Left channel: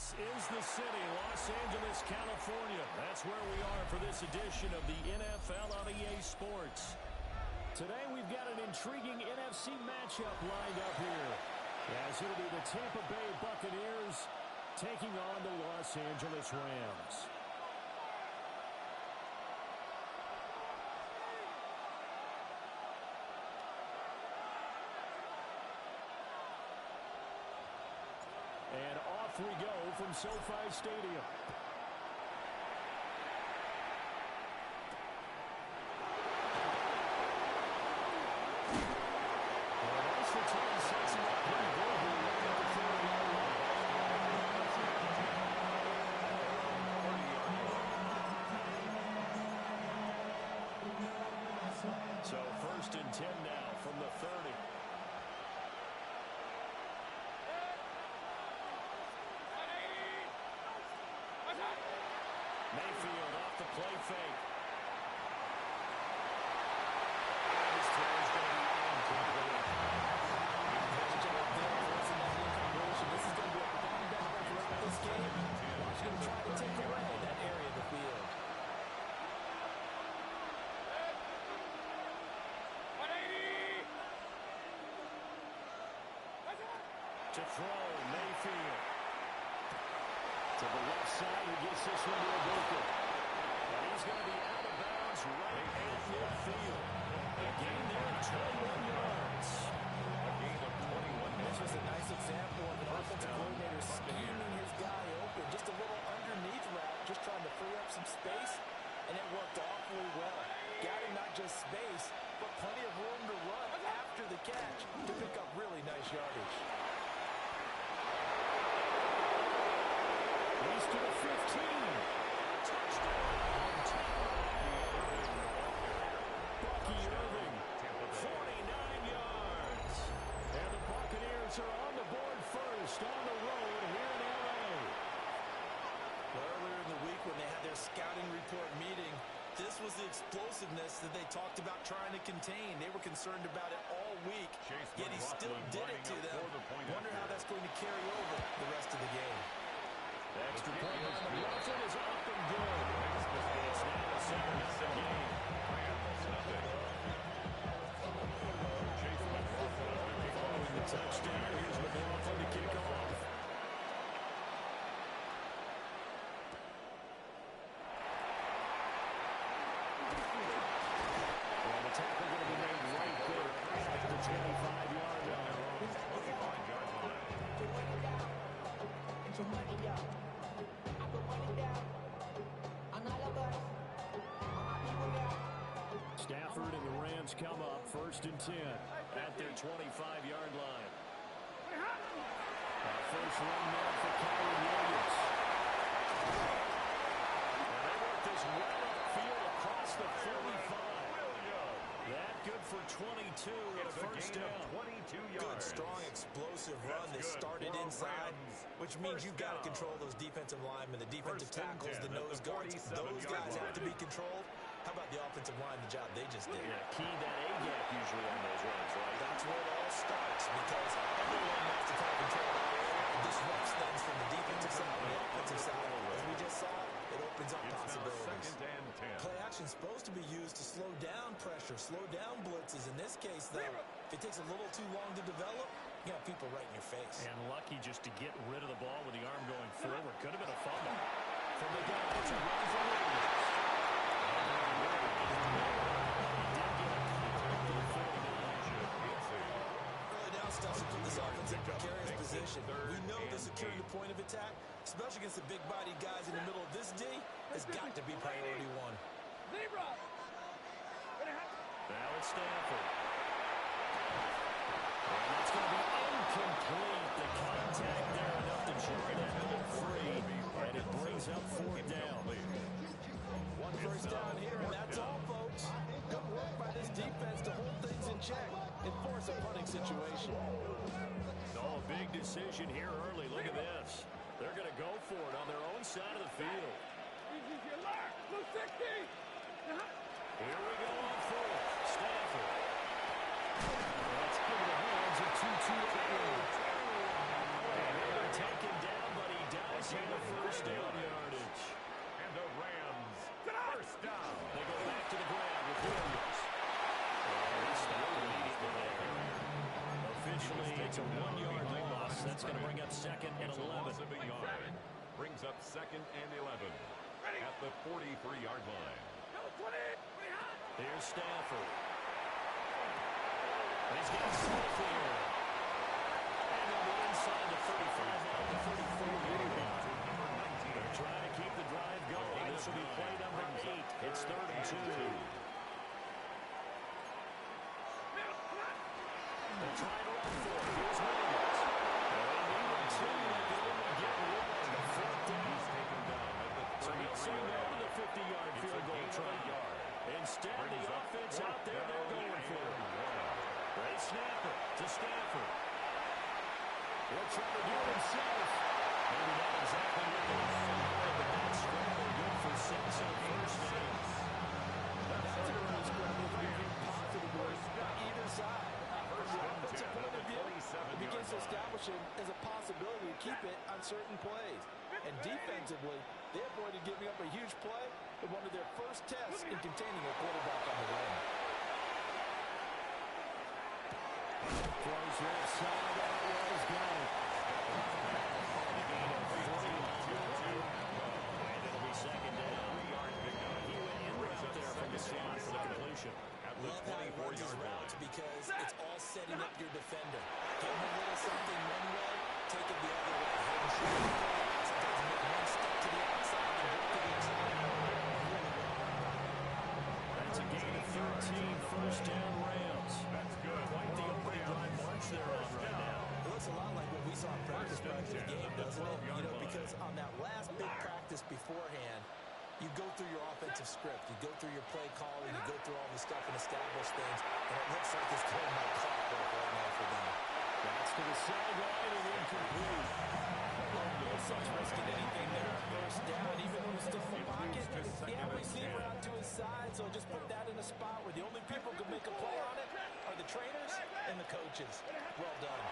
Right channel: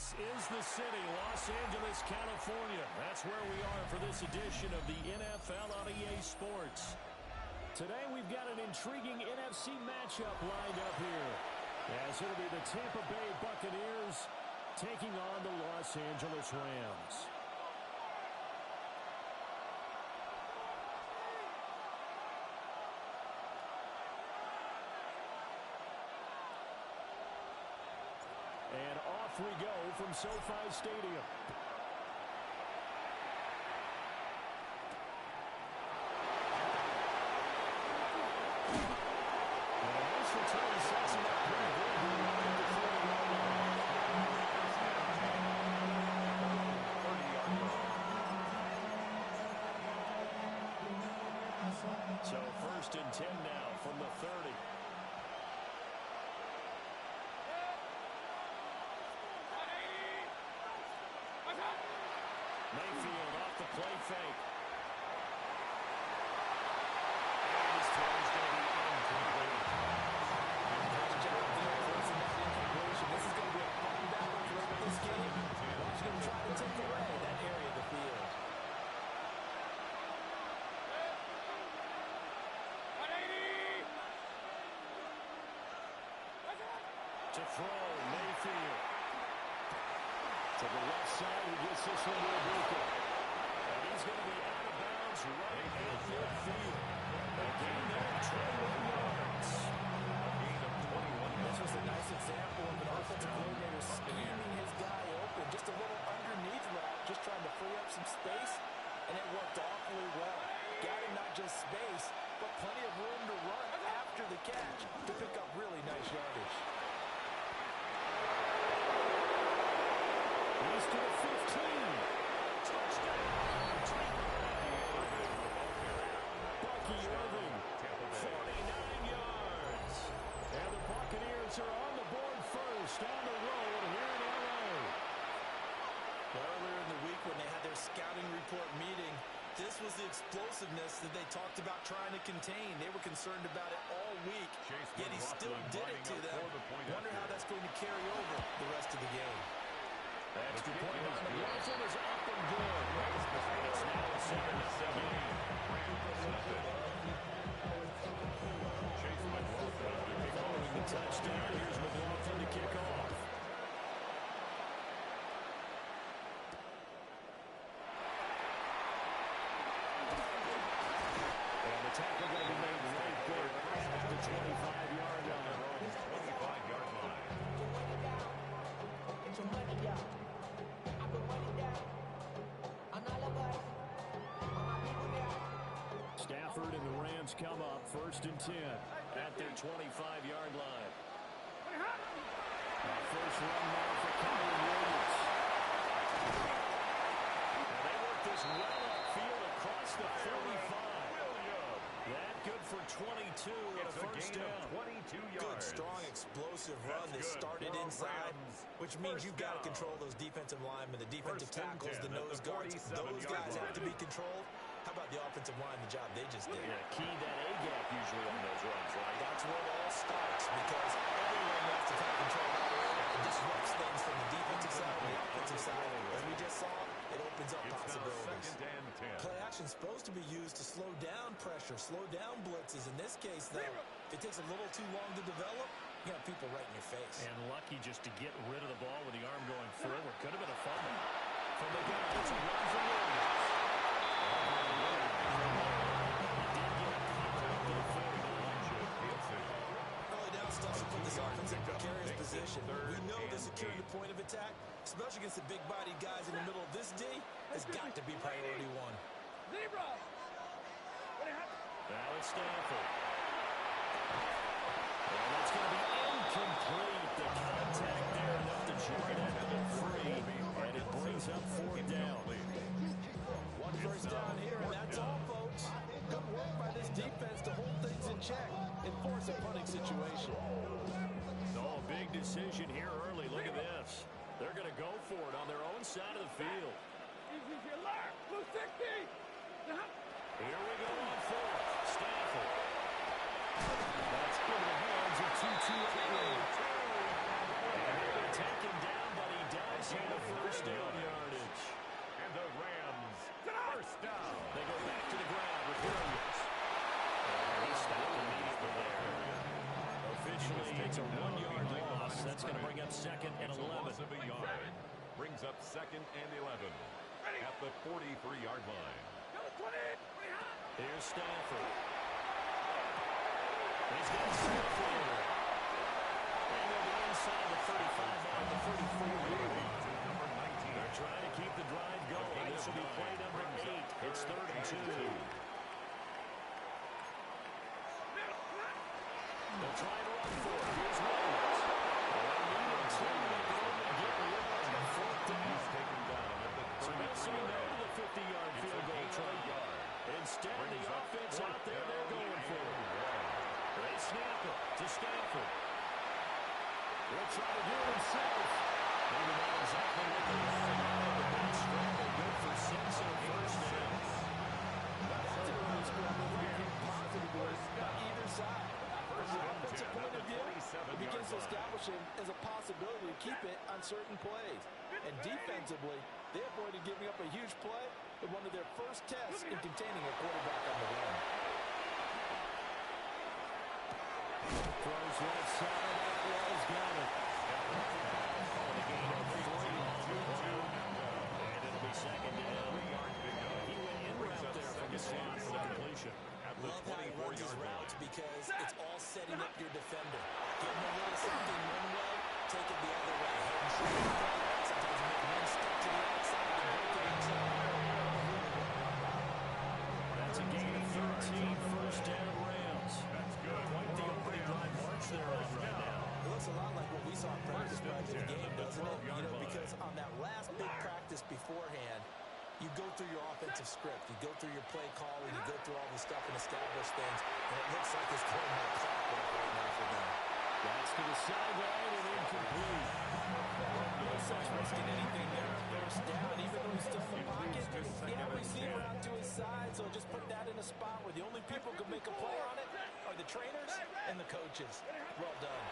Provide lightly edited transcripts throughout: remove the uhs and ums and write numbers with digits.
This is the city, Los Angeles, California. That's where we are for this edition of the NFL on EA Sports. Today we've got an intriguing NFC matchup lined up here, as it'll be the Tampa Bay Buccaneers taking on the Los Angeles Rams. And off we go from SoFi Stadium. And a nice return sets him up pretty good here at the 30-yard line. So 1st and 10 now from the 30. Mayfield off the play fake. And his throw is going to be incomplete. Nice job there forcing that incompletion. This is going to be a fun battle throughout this game. Watching him try to take away that area of the field. To throw, Mayfield. To the left side, he gets this one to Ibuka. And he's going to be out of bounds right at midfield. A gain there of 21 yards. A gain of 21 yards. This was a nice example of an offensive coordinator scheming his guy open. Just a little underneath route, just trying to free up some space, and it worked awfully well. Got him not just space, but plenty of room to run after the catch to pick up really nice yardage. He's to the 15. Touchdown, Tampa Bay. Bucky Irving, 49 yards. And the Buccaneers are on the board first on the road here in L.A. Earlier in the week when they had their scouting report meeting, this was the explosiveness that they talked about trying to contain. They were concerned about it all week, yet he still did it to them. Wonder how that's going to carry over the rest of the game. The extra point by McLaughlin is up and good. And it's now a 7-0 game. Chase McLaughlin Following the touchdown, here's McLaughlin to kick off. And the tackle going to be made right there at the 25-yard line. 25-yard line. Get your money down. I put money down on all of us, on my people now. Stafford and the Rams come up 1st and 10 at their 25-yard line. First run now for Kyren Williams. And they work this well upfield across the 35. That good for 22 and a first down. 22 yards. Good, strong, explosive run that started inside, which means you've got to control those defensive linemen, the defensive tackles, the nose guards. Those guys have to be controlled. How about the offensive line, the job they just did? Yeah, key that A-gap usually on those runs, right? That's where it all starts because everyone wants to kind of control that area. It disrupts things from the defensive side and the offensive side. As we just saw, it opens up possibilities. 2nd and 10. Play action is supposed to be used to slow down pressure, slow down blitzes. In this case, though, if it takes a little too long to develop, you have people right in your face. And lucky just to get rid of the ball with the arm going forward. Could have been a fumble. From the gun, it's a run for Williams. He did get a contact to the 49. Early down stuff to put this offense in precarious position. We know that securing the point of attack, especially against the big-bodied guys in the middle of this D, has got to be priority one. Zebra! Now it's Stafford. And that's going to be incomplete. The contact there enough to jar that ball free. And it brings up 4th down. One first down here, and that's all, folks. Good work by this defense to hold things in check and force a punting situation. Oh, big decision here early. Look at this. They're going to go for it on their own side of the field. Blue 60! Here we go on 4th. Stafford. That's into the hands of Tutu. And they're taken down, but he does gain of first down yardage. And the Rams, first down. They go back to the ground with Williams. And he stopped immediately there. Officially, it's a 1-yard loss. That's going to bring up second and 11. Loss of a yard. Brings up second and 11 at the 43-yard line. Here's Stafford. And he's got Stafford. And they'll be inside the 35, now the 34-yard line. Number 19. They're trying to keep the drive going. This will be play number 8. It's 3rd and 2. They'll try to run for it. Here's Williams. Well, they needed 2. They could only get 1. 4th down. He's taken down at the 33-yard line. So they'll say no to the 50-yard field goal try. Instead, the offense out there, they're going for it. They snap it to Stafford. He'll try to do it himself. Maybe not exactly what they had in mind, but that scramble good for 6 and a first down. That's an early scramble that became positive by either side. From the offensive point of view, it begins to establish it as a possibility to keep it on certain plays. And defensively, they avoided giving up a huge play in one of their first tests in containing a quarterback on the run. Throws left side. Atwell's got it. Calling a gain of 3 on the play. And it'll be second down. He went in route there from the slot for the completion. Love how he runs his routes because it's all setting up your defender. Give him a little something one way, take it the other way. Head and shoulder play. Sometimes make one step to the outside and work to the inside. That's a gain of 13. First down Rams. That's good. Quite the opening drive march they're on right now. It looks a lot like what we saw in practice prior to the game, doesn't it? You know, because on that last big practice beforehand, you go through your offensive script, you go through your play calling, you go through all the stuff and establish things, and it looks like it's going like clockwork right now for them. That's to the sideline and incomplete. No sense risking anything there on first down, even though he's still in the pocket. Yeah, receiver out to his side, so just put that in a spot where the only people who can make a play on it are the trainers and the coaches. Well done.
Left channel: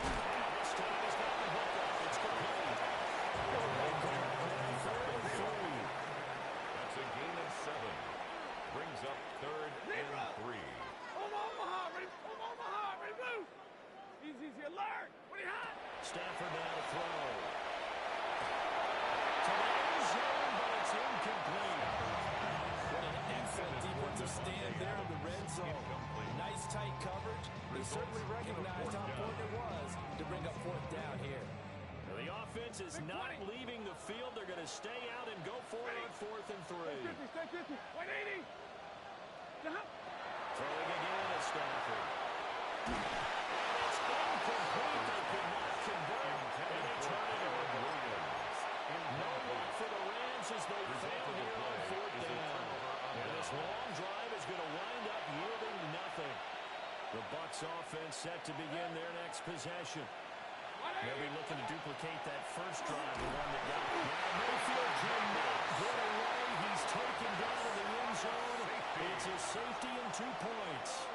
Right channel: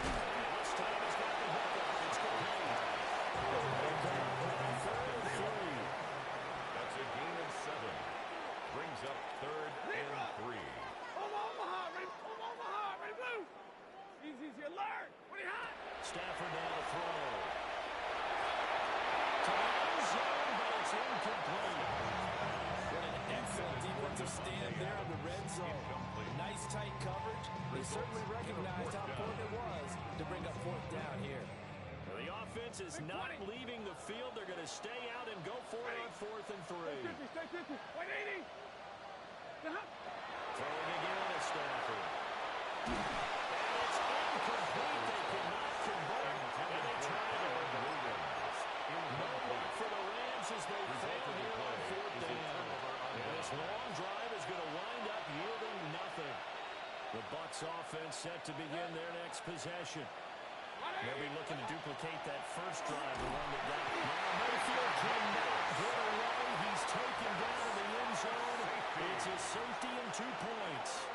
And this time he's got the hook up. It's complete. That's a gain of 7. Brings up 3rd and 3. Omaha, ready blue. Easy, alert. What are you hot? Stafford now to throw. To the end zone, but it's incomplete. What an excellent defensive stand there in the red zone. Nice tight coverage. They certainly recognized how important it was to bring up 4th down here. The offense is not leaving the field. They're going to stay out and go for it on 4th and 3. Stay 50. 180. Throwing again at Stafford. And it's incomplete. They cannot convert, and they turn it over. No luck for the Rams as they fail here on 4th down. And this long drive is going to wind up yielding nothing. The Bucs offense set to begin their next possession. They'll be looking to duplicate that first drive, the one that got. Now Mayfield cannot get away. He's taken down in the end zone. It's a safety and 2 points.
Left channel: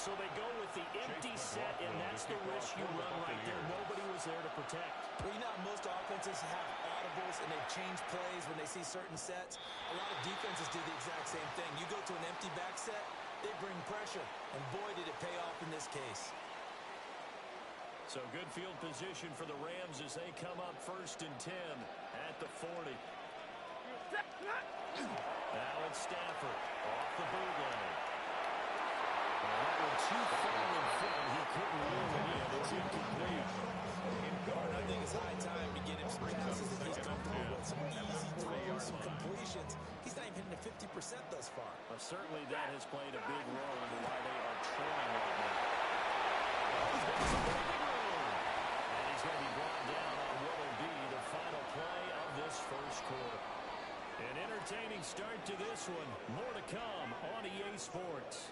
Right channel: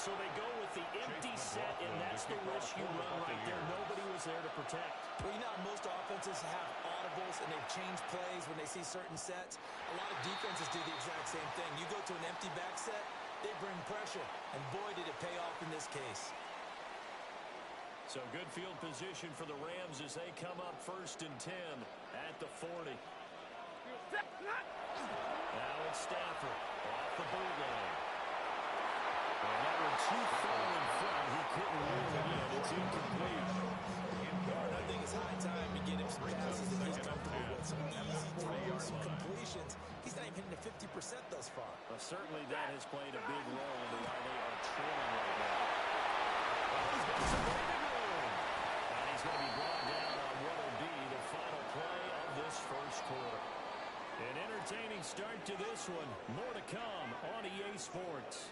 So they go with the empty set, and that's the risk you run right there. Nobody was there to protect. Well, you know, most offenses have audibles, and they've changed plays when they see certain sets. A lot of defenses do the exact same thing. You go to an empty back set, they bring pressure, and boy, did it pay off in this case. So good field position for the Rams as they come up 1st and 10 at the 40. Now it's Stafford off the bootleg. And that one too far in front. He couldn't reel it in. It's incomplete. I think it's high time to get him some passes that he's comfortable with. Some easy throws, some completions. He's not even hitting to 50% thus far. Well, certainly that has played a big role into why they are trailing right now. Well, he's got some breathing room. And he's going to be brought down on what will be the final play of this first quarter. An entertaining start to this one. More to come on EA Sports.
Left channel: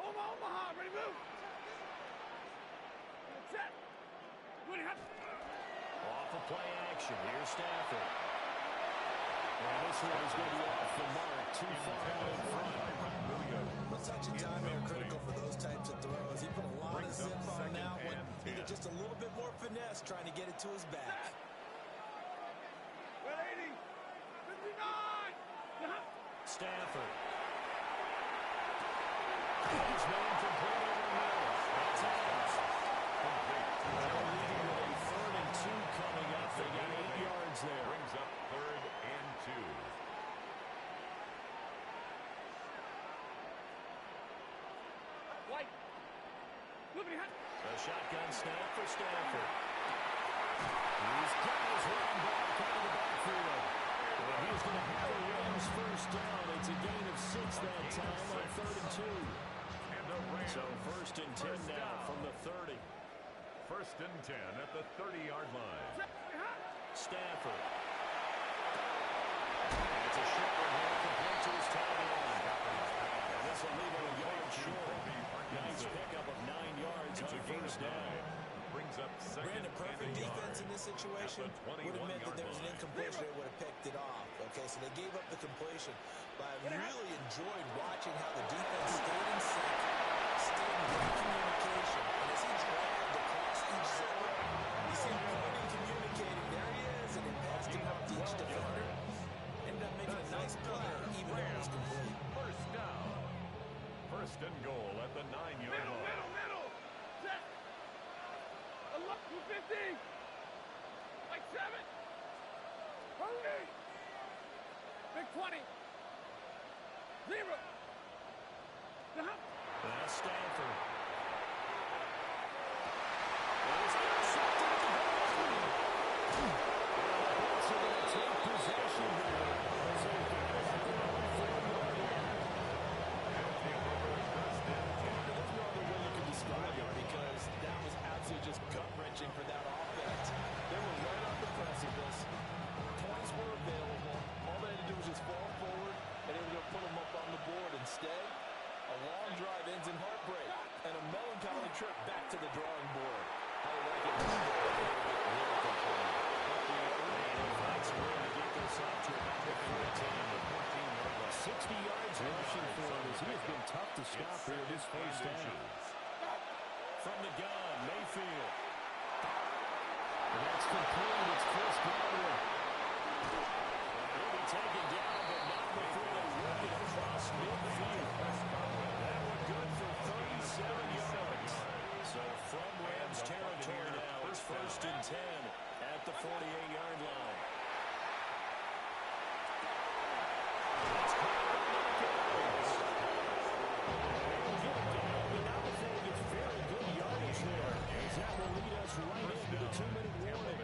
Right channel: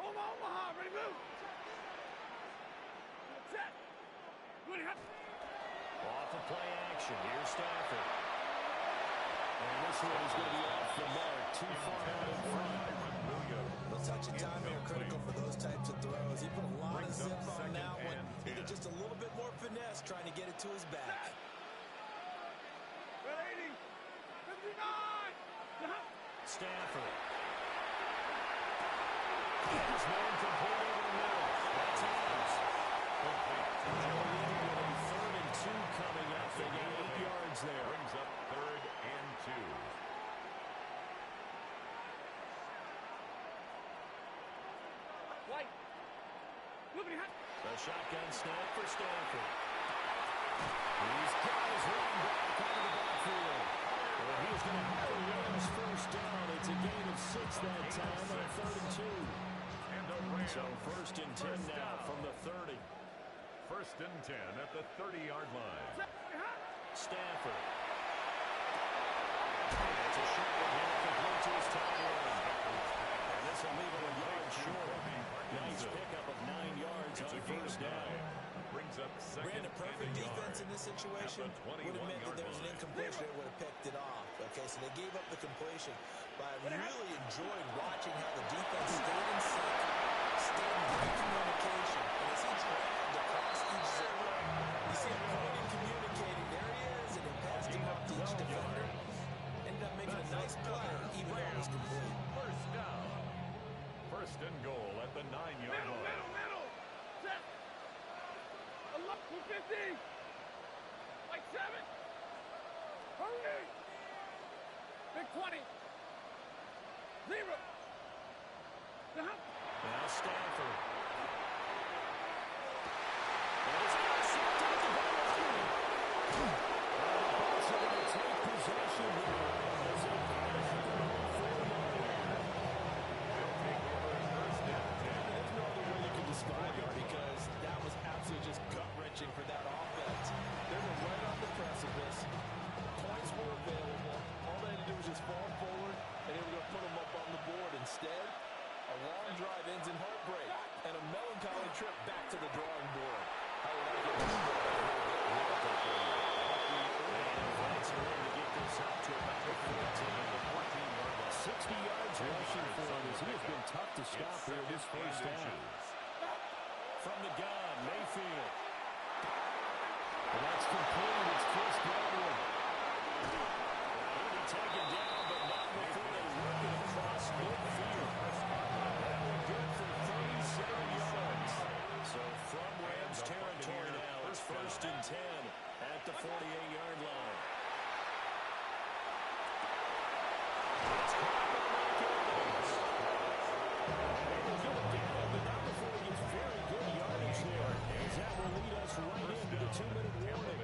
Omaha, ready move. Set. Good. Off off of play action. Here's Stafford. And this one is going to be off the mark, too far out in front. No touch and time are critical for those types of throws. He put a lot of zip on that one. Needed just a little bit more finesse trying to get it to his back. 80, 59. Stafford. His man complete over the middle. That's Adams. They'll lead with a 3rd and 2 coming up. They got 8 yards there. Brings up 3rd and 2. White. A shotgun snap for Stafford. He's got his running back out of the backfield. Well, he's going to have a Rams first down. It's a gain of 6 that time on 3rd and 2. So 1st and 10 now from the 30. 1st and 10 at the 30-yard line. Stafford. And it's a short one here, complete to his tight end. And this will leave him a yard short. Nice pickup of 9 yards on 1st down. Brings up 2nd Brandon, perfect and a defense yard. in this situation would have meant that there was an incompletion. They would have picked it off. Okay, so they gave up the completion. But I really enjoyed watching how the defense stayed in sync, stayed in great communication. And as he dragged across each zone, you see him pointing, communicating. There he is, and they passed him off to each defender. Ended up making a nice play, even though it was complete. 1st down. 1st and goal at the 9-yard line. Middle. Set. 250. Like 7. Hurry. Big 20. 0. Now Stafford. And it's intercepted at the goal line. And the Bucs are going to take possession here as they got it at their own 4-yard line. They'll take over 1st and 10. There's no other way you can describe it because that was absolutely just gut-wrenching for that offense. They were right on the precipice. Points were available. All they had to do was just fall forward, and they were going to put them up on the board. Instead, a long drive ends in heartbreak and a melancholy trip back to the drawing board. How did I get a little bit lyrical for you? And invites her in to get this out to about the 14-yard line. 60 yards rushing for him as he has been tough to stop here this first down. From the gun, Mayfield. And that's complete. It's Chris Godwin. He'll be taken down, but not before they work it across midfield. That one good for 37 yards. So from Rams territory now, it's 1st and 10 at the 48-yard line. It's caught by Mike Evans. And they will get him down, but not before he gets very good yardage there. As that will lead us right into the 2-minute warning.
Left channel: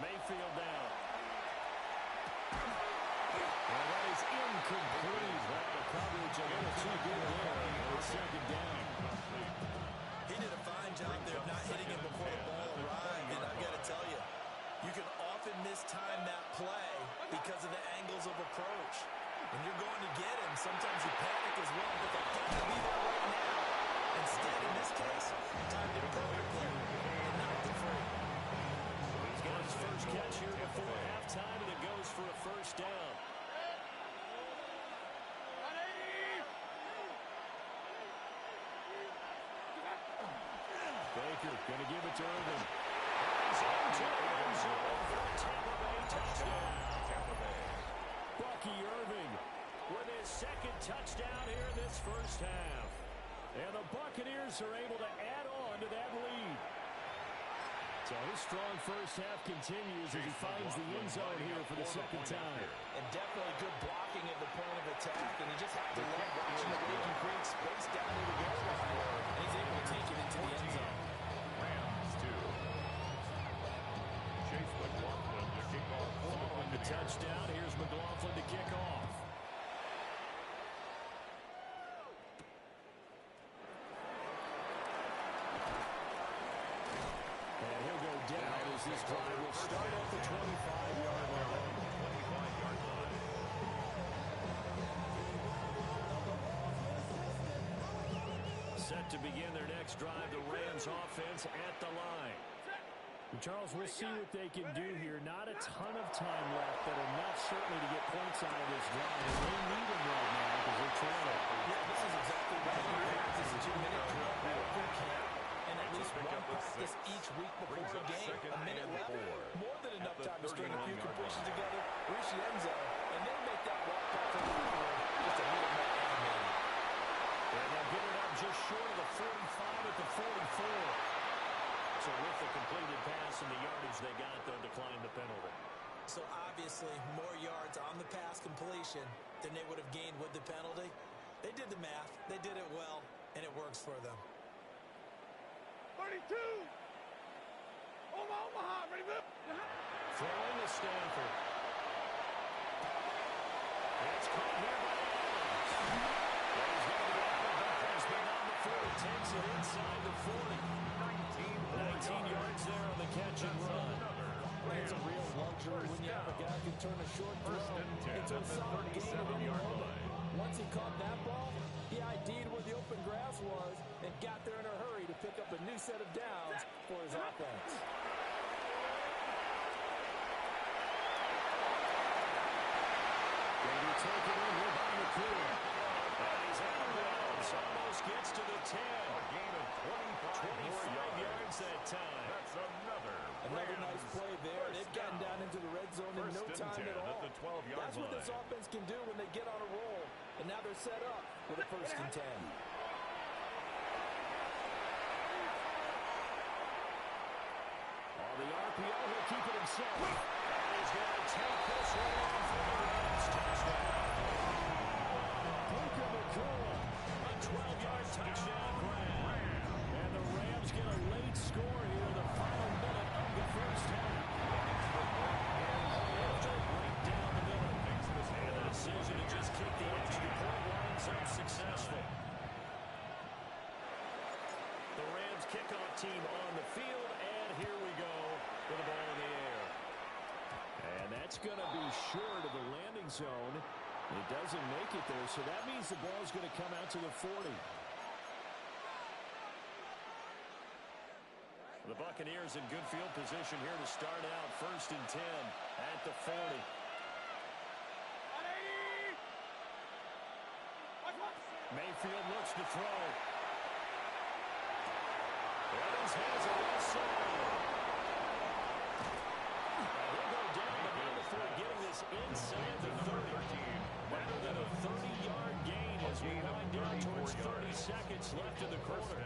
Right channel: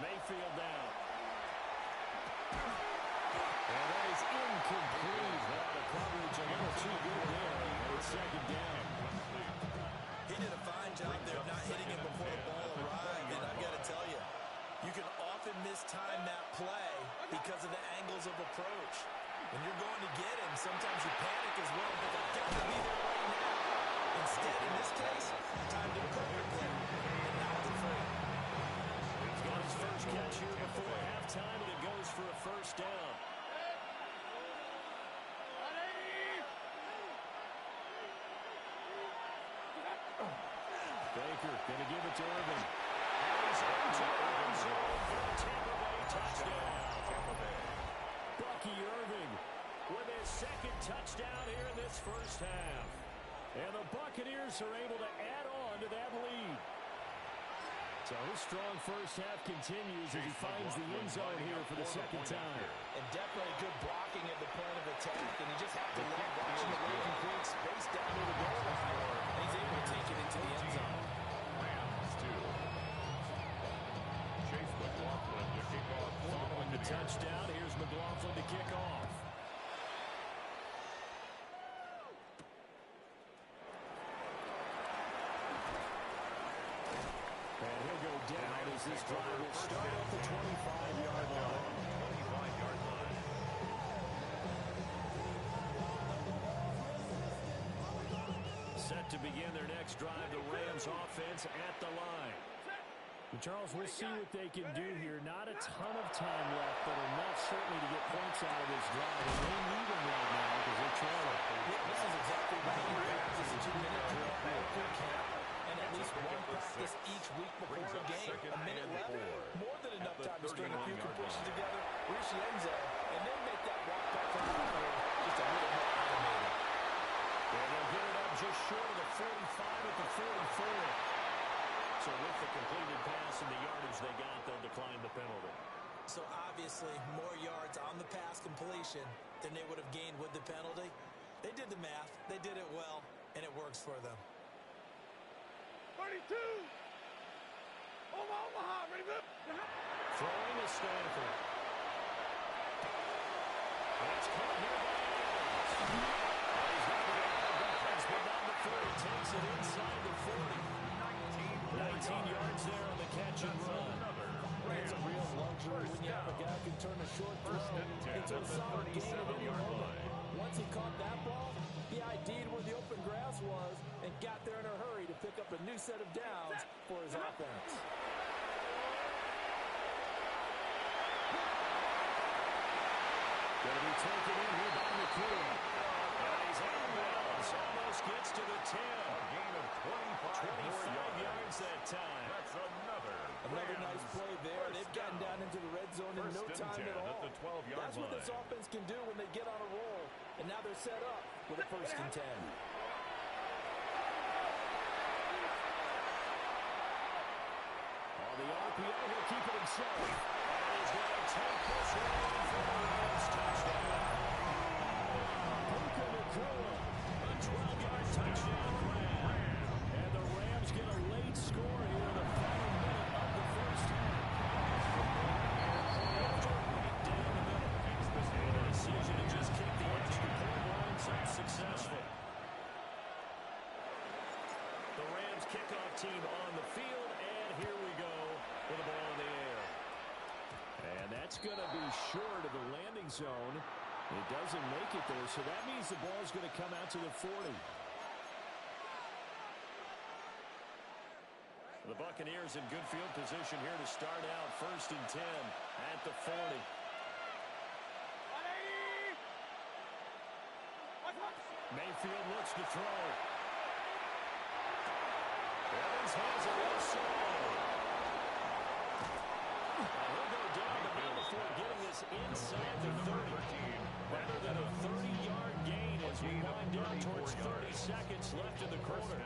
Mayfield down. And that is incomplete. Well, the coverage a little too good there. And it's 2nd down. He did a fine job there of not hitting him before the ball arrived. And I've got to tell you, you can often mistime that play because of the angles of approach. When you're going to get him, sometimes you panic as well, but they've got to be there right now. Instead, in this case, timed it perfectly and knocked it free. He's got his first catch here before halftime, and it goes for a 1st down. Baker going to give it to Irvin. He's into the end zone for a Tampa Bay touchdown. Bucky Irving with his 2nd touchdown here in this first half. And the Buccaneers are able to add on to that lead. So his strong first half continues as he finds the end zone here for the 2nd time. And definitely good blocking at the point of attack. And you just have to love watching the way he can create space down to the goal line. And he's able to take it into the end zone. Rams 2. Chase McLaughlin to kick off. Following the touchdown, here's McLaughlin to kick off. And he'll go down as this drive will start at the 25-yard line. 25-yard line. Set to begin their next drive, the Rams offense at the line. Charles, we'll see what they can do here. Not a ton of time left, but enough certainly to get points out of this drive. And they need them right now because they're trailing. Yeah, this is exactly right. You practice a 2-minute drill through camp, and at least one practice each week before a game. A minute left, more than enough time to string a few completions together, reach the end zone, and then make that walk back to the field just a little more animated. And they'll get it up just short of the 45 at the 44. So with the completed pass and the yardage they got, they'll decline the penalty. So obviously, more yards on the pass completion than they would have gained with the penalty. They did the math. They did it well, and it works for them. 32. Omaha, ready, move. Throwing to Stanford. It's caught here by Adams. Well, he's going to be out of bounds, but not before he takes it inside the 40. 19 yards there on the catch and run. It's a real luxury when you have a guy who can turn a short throw into a solid gain at any moment. Once he caught that ball, he ID'd where the open grass was and got there in a hurry to pick up a new set of downs for his offense. Going to be taken in here by McCool. And he's out of bounds. Almost gets to the 10. A gain of 25 yards that time. That's another Nice play there. They've gotten down into the red zone in no time at all. At the 12-yard That's what this offense can do when they get on a roll. And now they're set up with a 1st and 10. On the RPO, he'll keep it himself. And he's going to take this one in for the Rams touchdown. Puka Nacua, a 12-yard touchdown grab. And the Rams get a late score here in the final minute of the first half. After a break down the middle. And a decision to just kick the extra point winds up successful. The Rams kickoff team on the field, and here we go with the ball in the air. And that's going to be short of the landing zone. It doesn't make it there, so that means the ball's going to come out to the 40. The Buccaneers in good field position here to start out. 1st and 10 at the 40. 180. Mayfield looks to throw. Evans has it well sold. He'll go down the middle before getting this inside the 30. Better than a 30-yard gain as we wind down towards 30 seconds left in the quarter.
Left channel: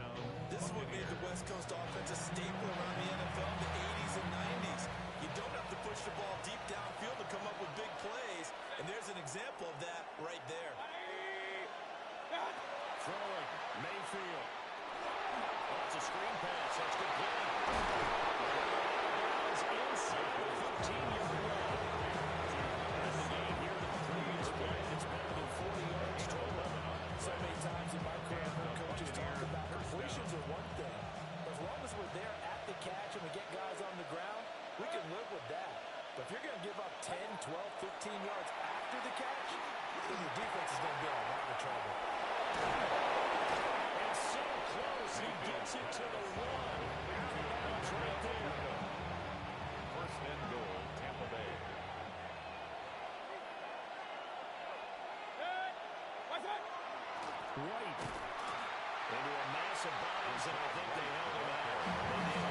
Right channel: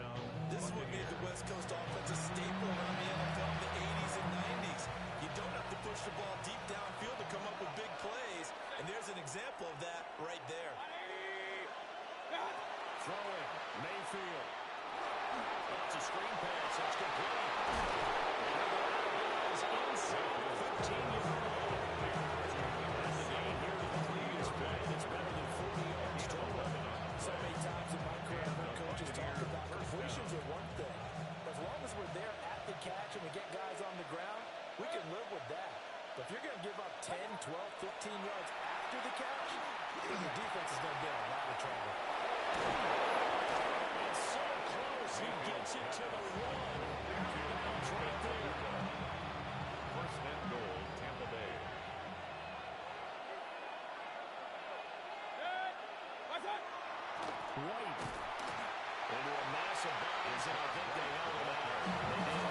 This is what made the West Coast offense a staple around the NFL in the 80s and 90s. You don't have to push the ball deep downfield to come up with big plays, and there's an example of that right there. Throwing, Mayfield. That's a screen pass. That's complete. They'll go out of bounds inside the 15-yard line. And the gain here to the previous play. It's better than 40 yards total. So many times in my career, I've heard coaches talk about completions are one thing. As long as we're there at the catch and we get guys on the ground, we can live with that. But if you're going to give up 10, 12, 15 yards after the catch, then your defense is going to be in a lot of trouble. And so close, he gets it to the 1. Bounce right there. 1st and goal, Tampa Bay. White into a mass of bodies, and I think they held him out. They did.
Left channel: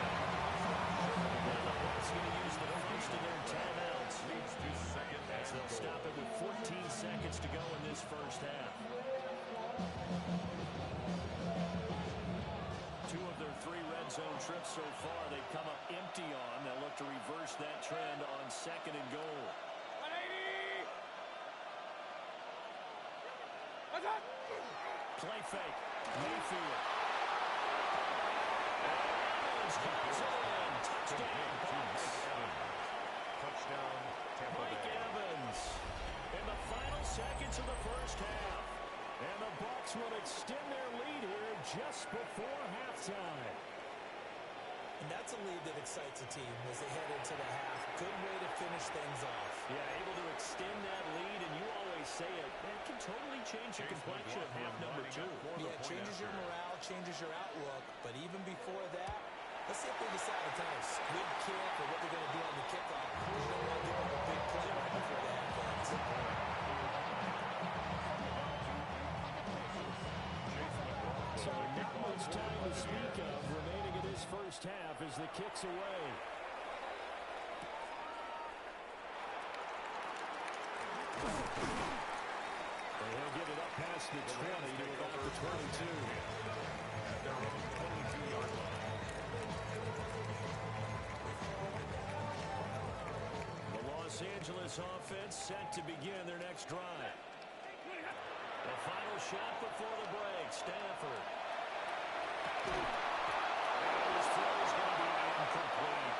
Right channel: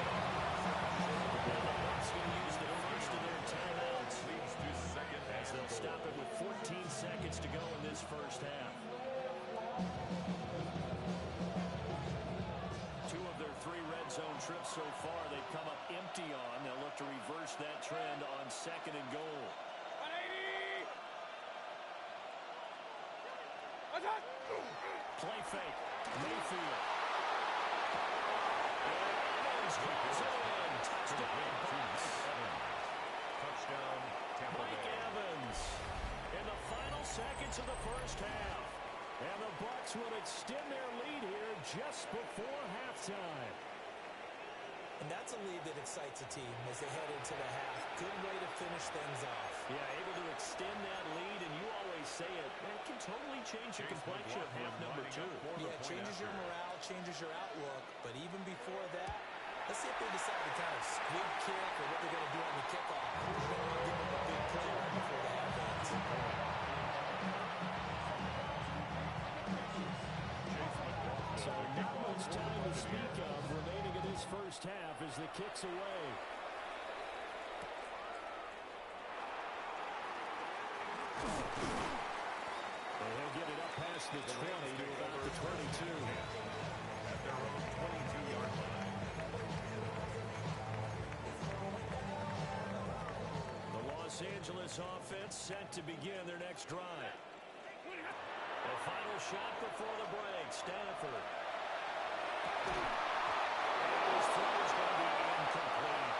Now the Bucs going to use the first of their timeouts. Leads to 2nd as they'll stop it with 14 seconds to go in this first half. 2 of their 3 red zone trips so far they've come up empty on. They'll look to reverse that trend on 2nd and goal. 180. Play fake. Mayfield. And Evans calls it in. Touchdown, Bucs. Touchdown, Tampa Mike Bay. Evans in the final seconds of the first half. And the Bucs will extend their lead here just before halftime. And that's a lead that excites a team as they head into the half. Good way to finish things off. Yeah, able to extend that lead, and you always say it, that can totally change the complexion of half number 2. Yeah, it changes your morale, changes your outlook, but even before that, let's see if they decide to kind of squib kick or what they're going to do on the kickoff. You don't want to give them a big play right before the half ends. So not much time to speak of remaining in this first half as the kick's away. He'll get it up past the 20 to about the 22. At their own 22-yard line. The Los Angeles offense set to begin their next drive. The final shot before the break, Stafford. And his throw is going to be incomplete.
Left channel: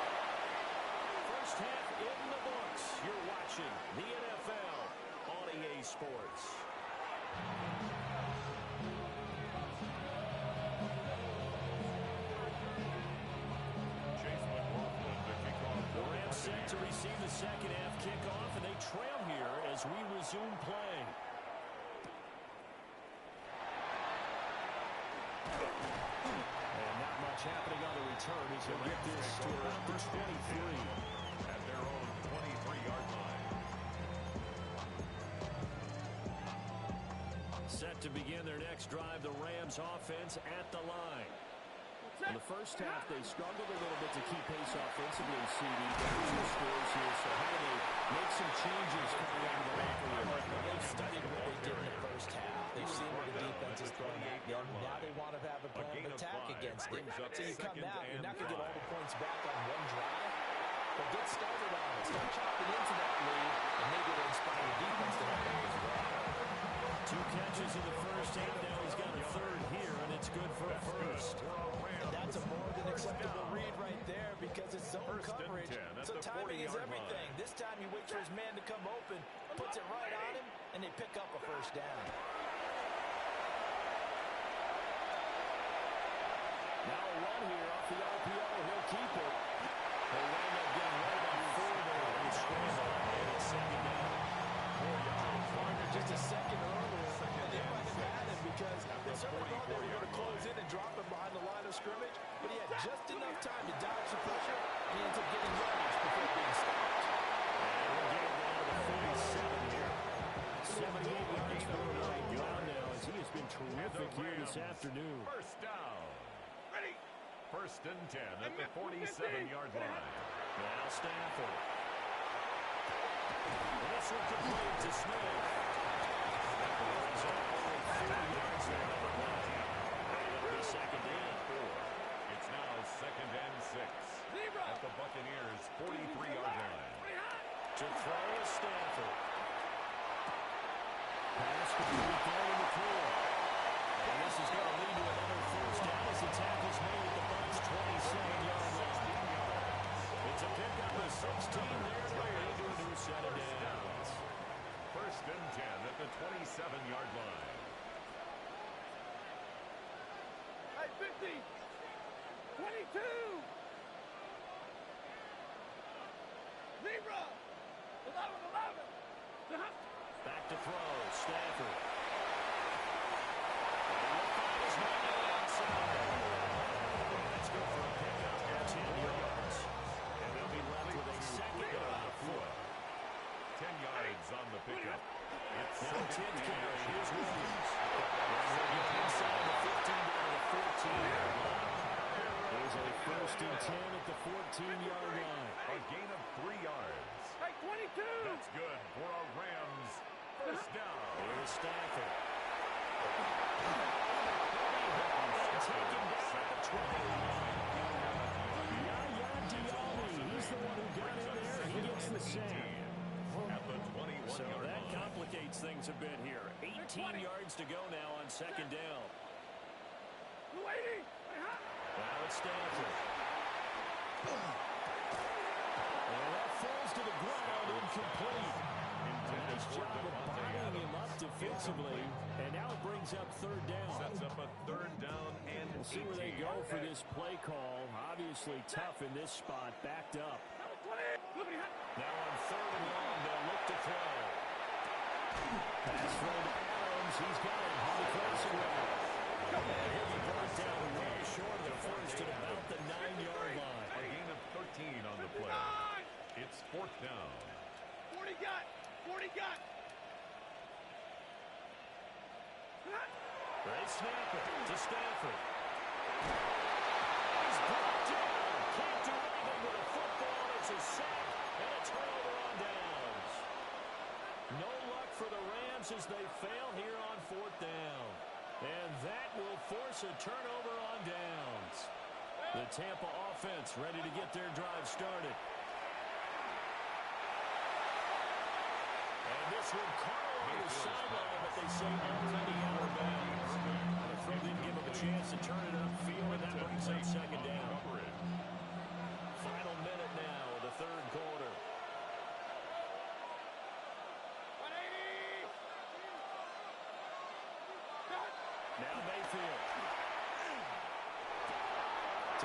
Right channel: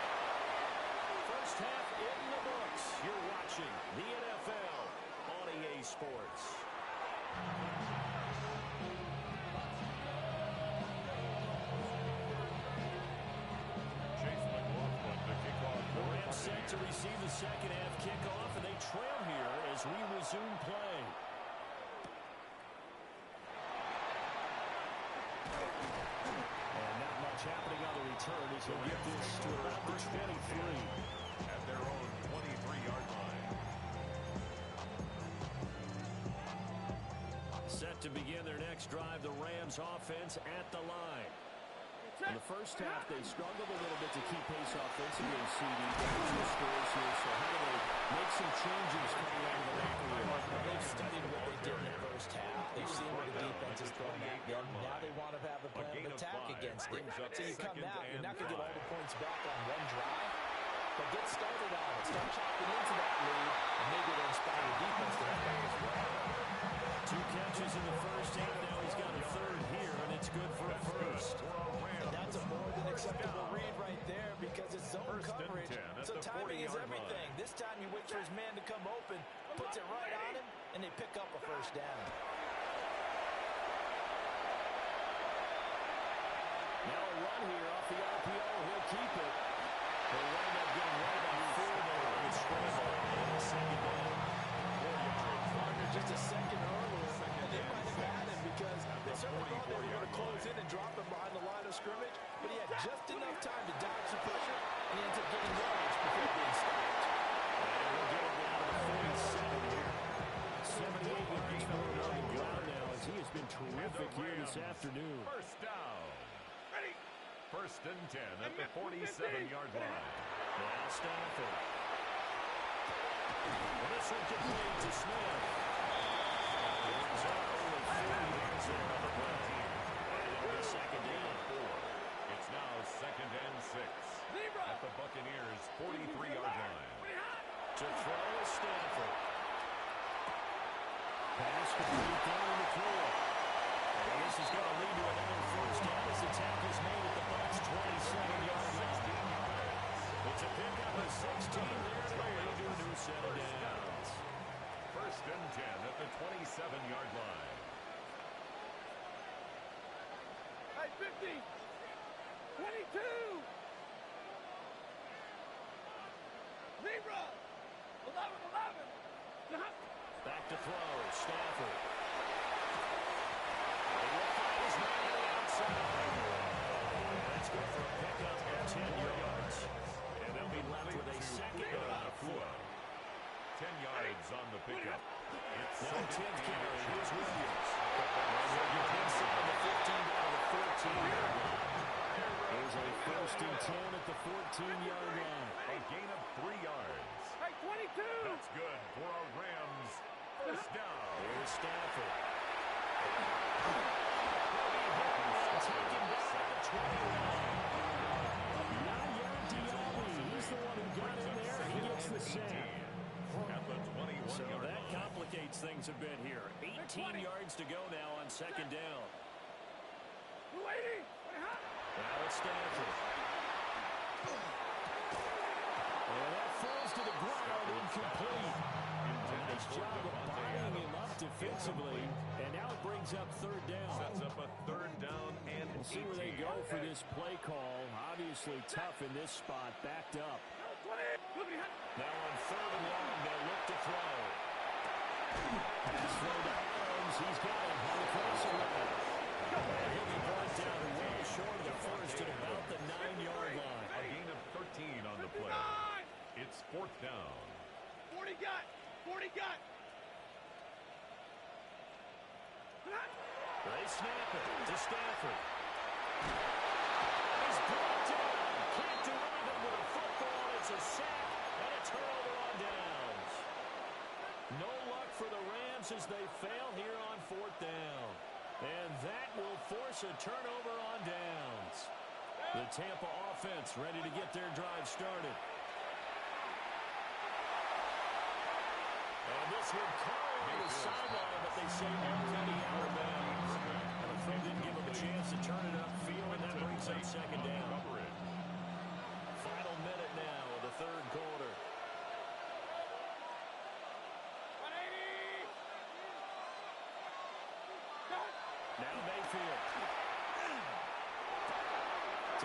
First half in the books. You're watching the NFL on EA Sports. Chase McLaughlin to kick off. The Rams set to receive the second half kickoff, and they trail here as we resume play. And not much happening on the return as he'll get this to about the 23. At their own 23-yard line. Set to begin their next drive, the Rams offense at the line. In the first half, they struggled a little bit to keep pace offensively, CD. Down 2 scores here, so how do they make some changes coming out of the locker room? Well, they've studied what they did in the first half. They've seen what the defense is throwing at them. Now they want to have a plan of attack against it. So you come out, you're not going to get all the points back on one drive, but get started on it. Start chopping into that lead, and maybe it'll inspire your defense to have that as well. 2 catches in the first half. Now he's got a third here, and it's good for a first. And that's a more than acceptable read right there because it's zone coverage. So timing is everything. This time he waits for his man to come open, puts it right on him, and they pick up a first down. Now a run here off the RPO. He'll keep it. They wind up getting right about 4 there on the scramble, and it's second down. 4 yards. Warner just a second earlier, and they might have had him because they certainly thought they were going to close in and drop him behind the line of scrimmage, but he had just enough time to dodge the pressure, and he ends up getting yardage before being stopped. And we'll get him down to the 47 here. 78 yards for him on the ground now as he has been terrific here this afternoon. First down. Ready. First and 10 at the 47-yard line. Now Stafford. And this one complete to Smith. Brings up only 40 yards there on the play. And it'll be second down. It's now second and 6 at the Buccaneers' 43-yard line. To throw is Stafford. Pass complete down in the floor. And this is going to lead to another first down as the tackle's made at the Bucs' 27-yard line. It's a pickup of 16 there to lead to a new set of downs. First and 10 at the 27-yard line. Hey, 50. 22. Zebra. 11. Back to throw. Stafford. And he will find his man on the outside. And that's good for a pickup of 10 yards. And they'll be left with a second on the floor. 10 yards on the pickup. It's now 10th carry. Here's Williams. And he'll get inside the 15 down to the 14-yard line. There's a first and 10 at the 14-yard line. A gain of 3 yards. Hey, 22. That's good for a Rams first down. Here's Stafford. He'll be hit and taken down at the 20 line. Yaya Diaby, he's the one who got in there. He gets the sack. At the 21-yard So that line. complicates things a bit here. 18 yards to go now on second down. 280. Now it's Stafford. And that falls to the ground, incomplete. Nice job of buying him up defensively. And now it brings brings up third down. Sets up a third down and We'll see where they go for this play call. Obviously tough in this spot, backed up. Now on third and long, they'll look to throw. Pass throw to Adams. He's got it on the crossing route. And he'll be brought down well short of the first at about the 9-yard line. A gain of 13 on the play. It's fourth down. 40 got. 40 got. They snap it to Stafford. He's brought down. Can't do anything with a football. It's a sack and a turnover on downs. No luck for the Rams as they fail here on fourth down. And that will force a turnover on downs. The Tampa offense ready to get their drive started. And this would call on the sideline, but they say already out of bounds. And the throw didn't give him a chance to turn it upfield, and that brings up second down. Final minute now of the third quarter. Now Mayfield.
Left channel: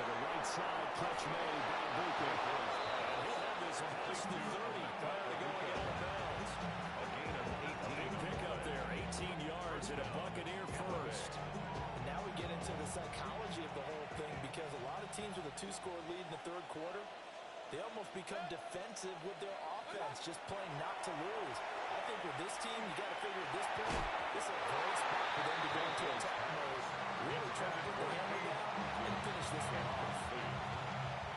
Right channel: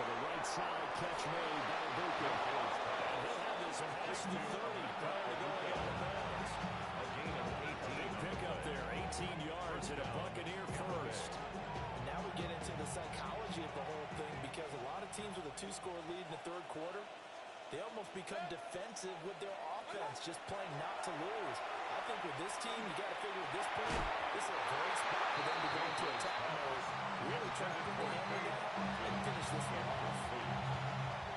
To the right side, catch made by Buka. And he'll have this past the 30 prior to going out of bounds. A gain of 18. A big pickup there, 18 yards and a Buccaneer first. And now we get into the psychology of the whole thing, because a lot of teams with a 2-score lead in the third quarter, they almost become defensive with their offense, just playing not to lose. I think with this team, you got to figure at this point, this is a great spot for them to go into attack mode, really try to put the hammer down and finish this one off.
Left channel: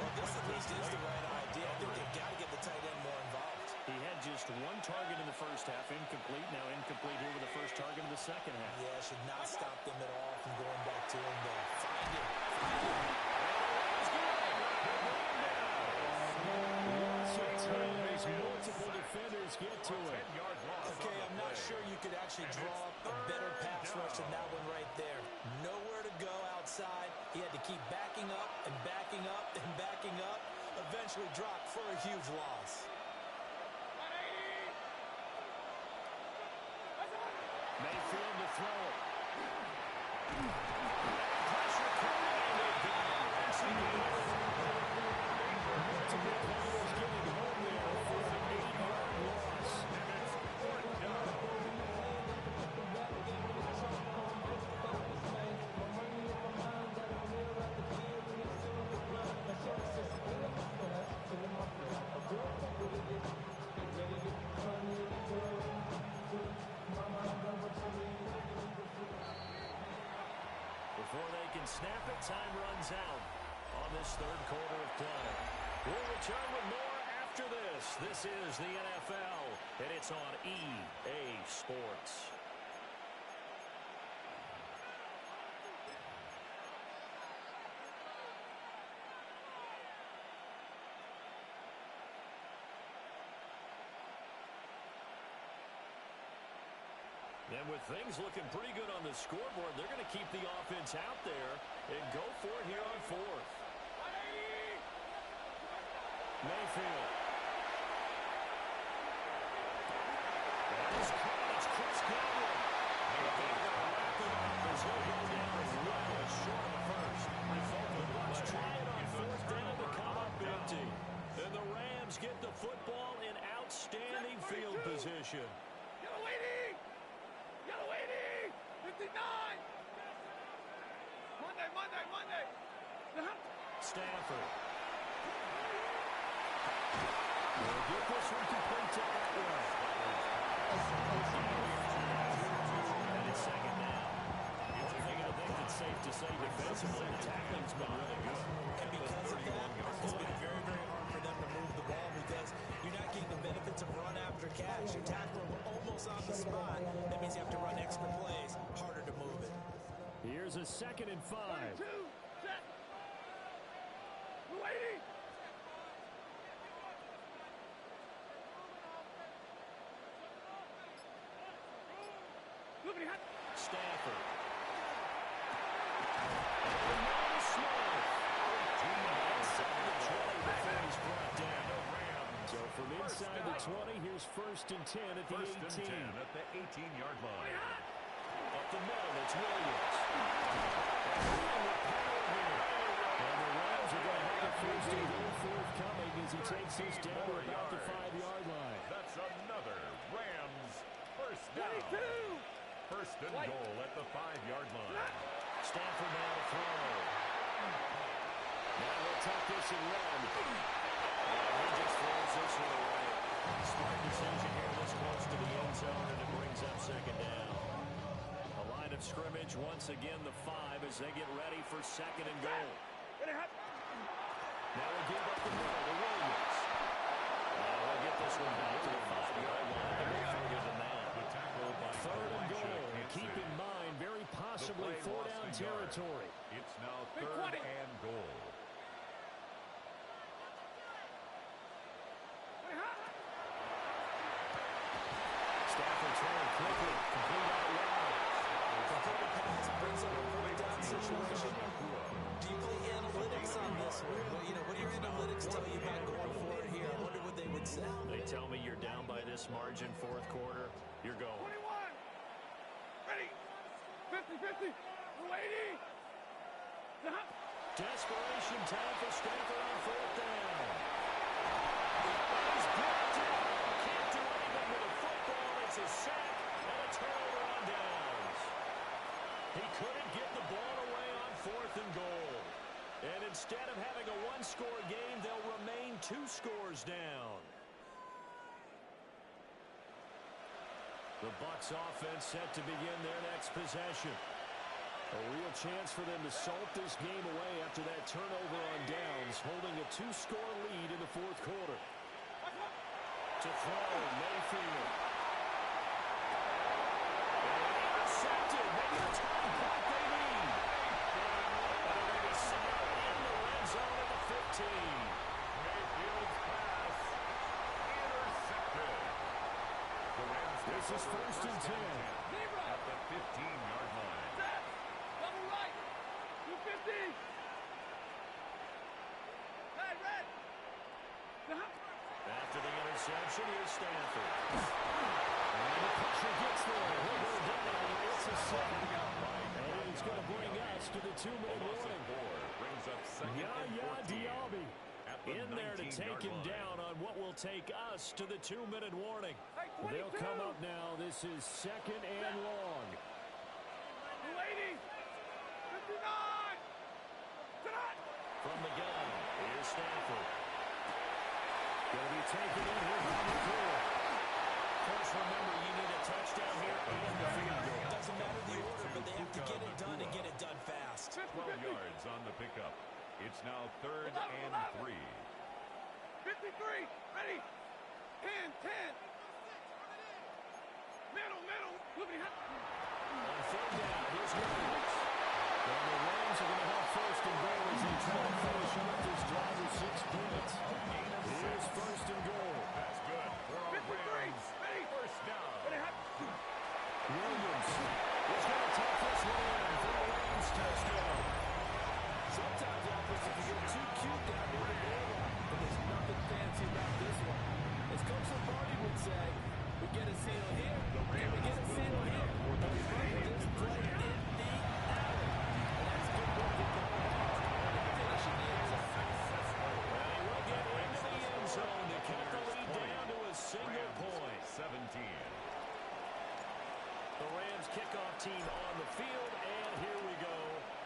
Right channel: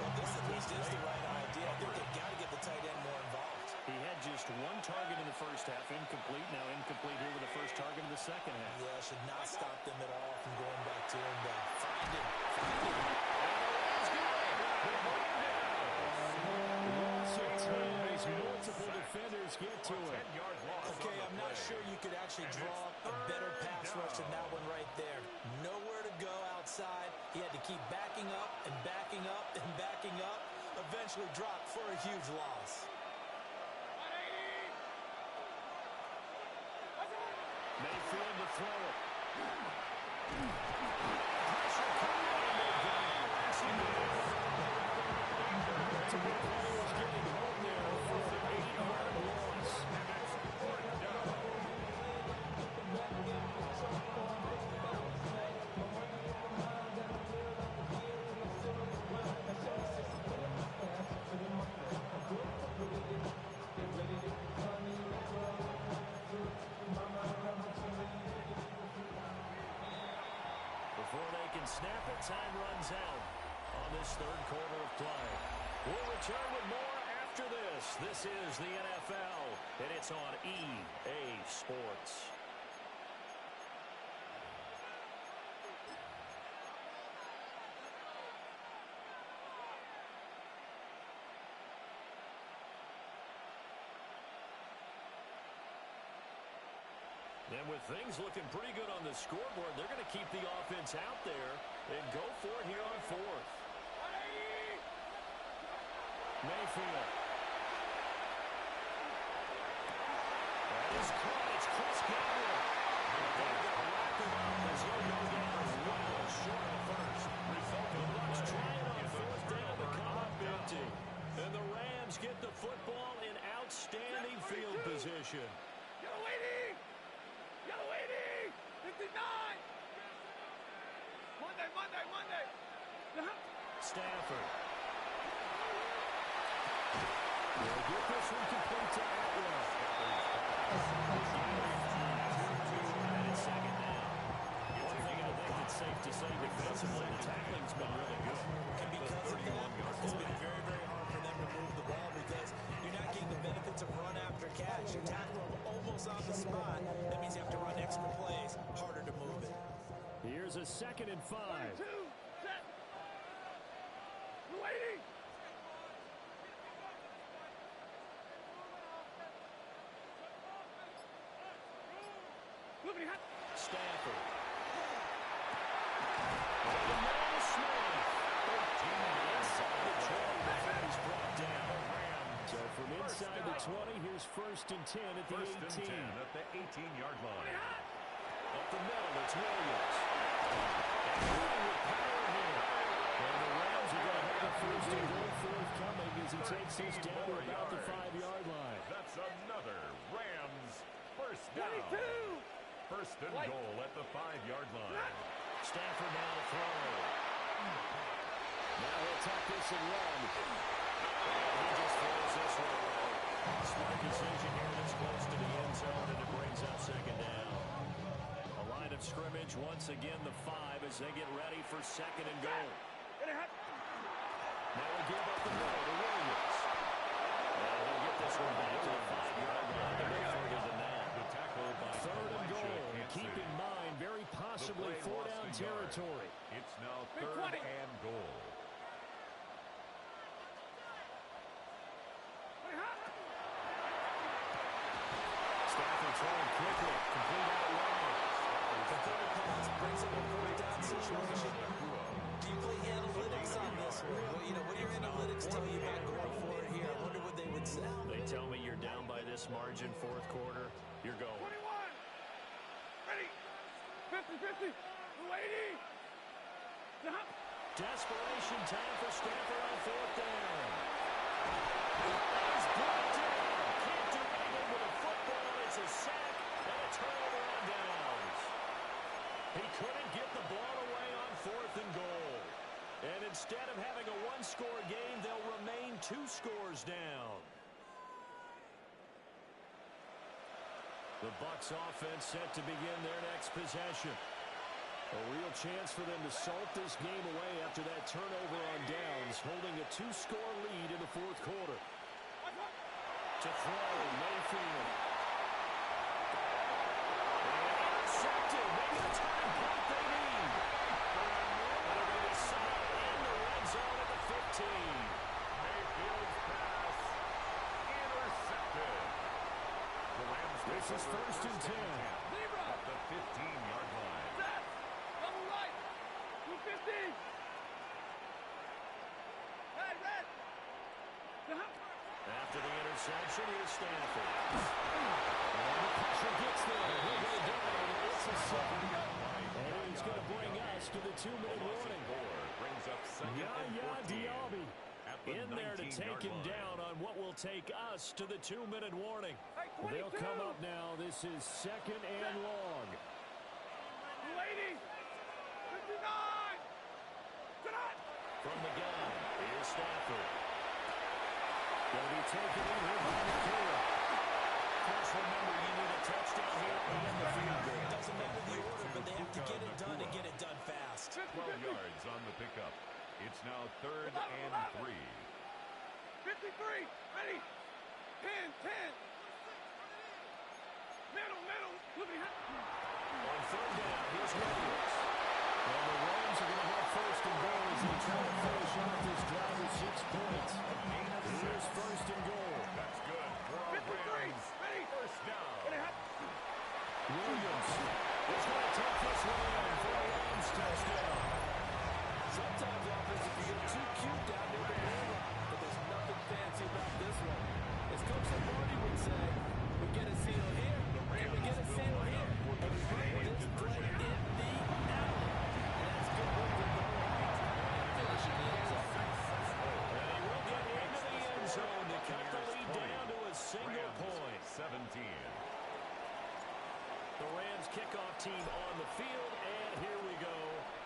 Well, this at least is the right idea. I think they've got to get the tight end more involved. He had just one target in the first half, incomplete. Now incomplete here with the first target in the second half. Yeah, should not stop them at all from going back to him. Find him. Find him. And the Rams get it. They bring him down. Loss of 10 as multiple defenders get to it. Okay, I'm not sure you could actually draw up a better pass rush than that one right there. Nowhere to go outside. He had to keep backing up and backing up and backing up. Eventually dropped for a huge loss. Mayfield to throw it. Pressure coming, and they got it. Multiple players getting home there for the 8-yard loss. And it's fourth down. Before they can snap it, time runs out on this third quarter of play. We'll return with more after this. This is the NFL, and it's on EA Sports. And with things looking pretty good on the scoreboard, they're going to keep the offense out there and go for it here on fourth. Mayfield. That is caught. It's Chris Godwin. But they're going to wrap him up as he'll go down well short of a first. The Bucs try it on fourth down to come up empty. And the Rams get the football in outstanding field position. Yellow 80! Yellow 80! 59! Monday! Stafford. They'll get this one complete to Atwell. And it's second down. One thing I think that's safe to say defensively, the tackling's been really good. And because of that, it's been very, very hard for them to move the ball, because you're not getting the benefits of run after catch. You're tackling them almost on the spot. That means you have to run extra plays, harder to move it. Here's a 2nd and 5. 2, set. Waiting. Stafford. And the man is Smith. 13 inside the 20 before he's brought down. So from inside the 20, here's 1st and 10 at the 18. First and 10 at the 18-yard line. Up the middle, it's Williams. And running with power here. And the Rams are going to have a first and goal forthcoming as he takes this down to about the 5-yard line. That's another Rams first down. First and goal at the 5-yard line. Stafford now to throw. Now he'll tuck this and run. And he just throws this one away. Smart decision here this close to the end zone, and it brings up second down. A line of scrimmage, once again the 5 as they get ready for second and goal. Now we give up the middle to Williams. And he'll get this one back to the 5-yard line. A bit further than that. The tackle by third and goal. Keep in mind, very possibly 4-down territory. It's now third and goal. Stafford throwing quickly. Complete out wide. Completed pass brings up a 4th-down situation. Do you play analytics on this one? Well, you know, what do your analytics tell you about going for it here? I wonder what they would say. They tell me you're down by this margin, fourth quarter. You're going. 21. Ready. 50-50. 280. Desperation time for Stafford on 4th down. And he's brought down. Can't do anything with a football. It's a sack and a turnover on downs. He couldn't get the ball away on 4th and goal. And instead of having a one-score game, they'll remain 2 scores down. The Bucs offense set to begin their next possession. A real chance for them to salt this game away after that turnover on downs, holding a 2-score lead in the fourth quarter. To throw, Mayfield. And intercepted. Maybe the turning point they need. And they're going to be set in the red zone at the 15. Mayfield's pass intercepted. The Rams This is first and 10. At the 15-yard line. Set. Double right. 250. Hey, red. After the interception, here's Stafford. And the pressure gets there. He'll go down. It's a sack. And he's going to bring us to the 2-minute warning. Brings up second and 14. Diaby At the in there to take him line. down on what will take us to the 2-minute warning. They'll come up now. This is second and long. 280. 59. From the gun, here's Stafford. Going to be taken in here by McCoy. Of course, remember, you need a touchdown here and the field goal. Doesn't matter the order, but they have to get it done and get it done fast. 12 yards on the pickup. It's now third and 3. 53. Ready. 10. Middle. On third down, here's Williams. And the Rams are going to have first and goal as they try to finish off this drive with 6 points. Here's first and goal. That's good for our 53. Rams. Ready. First down. Williams is going to take this one in for a Rams touchdown. Sometimes, offense, if you get too cute down near the goal line, but there's nothing fancy about this one. As Coach Lombardi would say, we get a seal here, and we get a seal here. And we run this play in the alley. And that's good work with the whole heart and finish in the end zone. And he will get into the end zone to cut the lead down to a single point. 17. The Rams kickoff team on the field, and here we go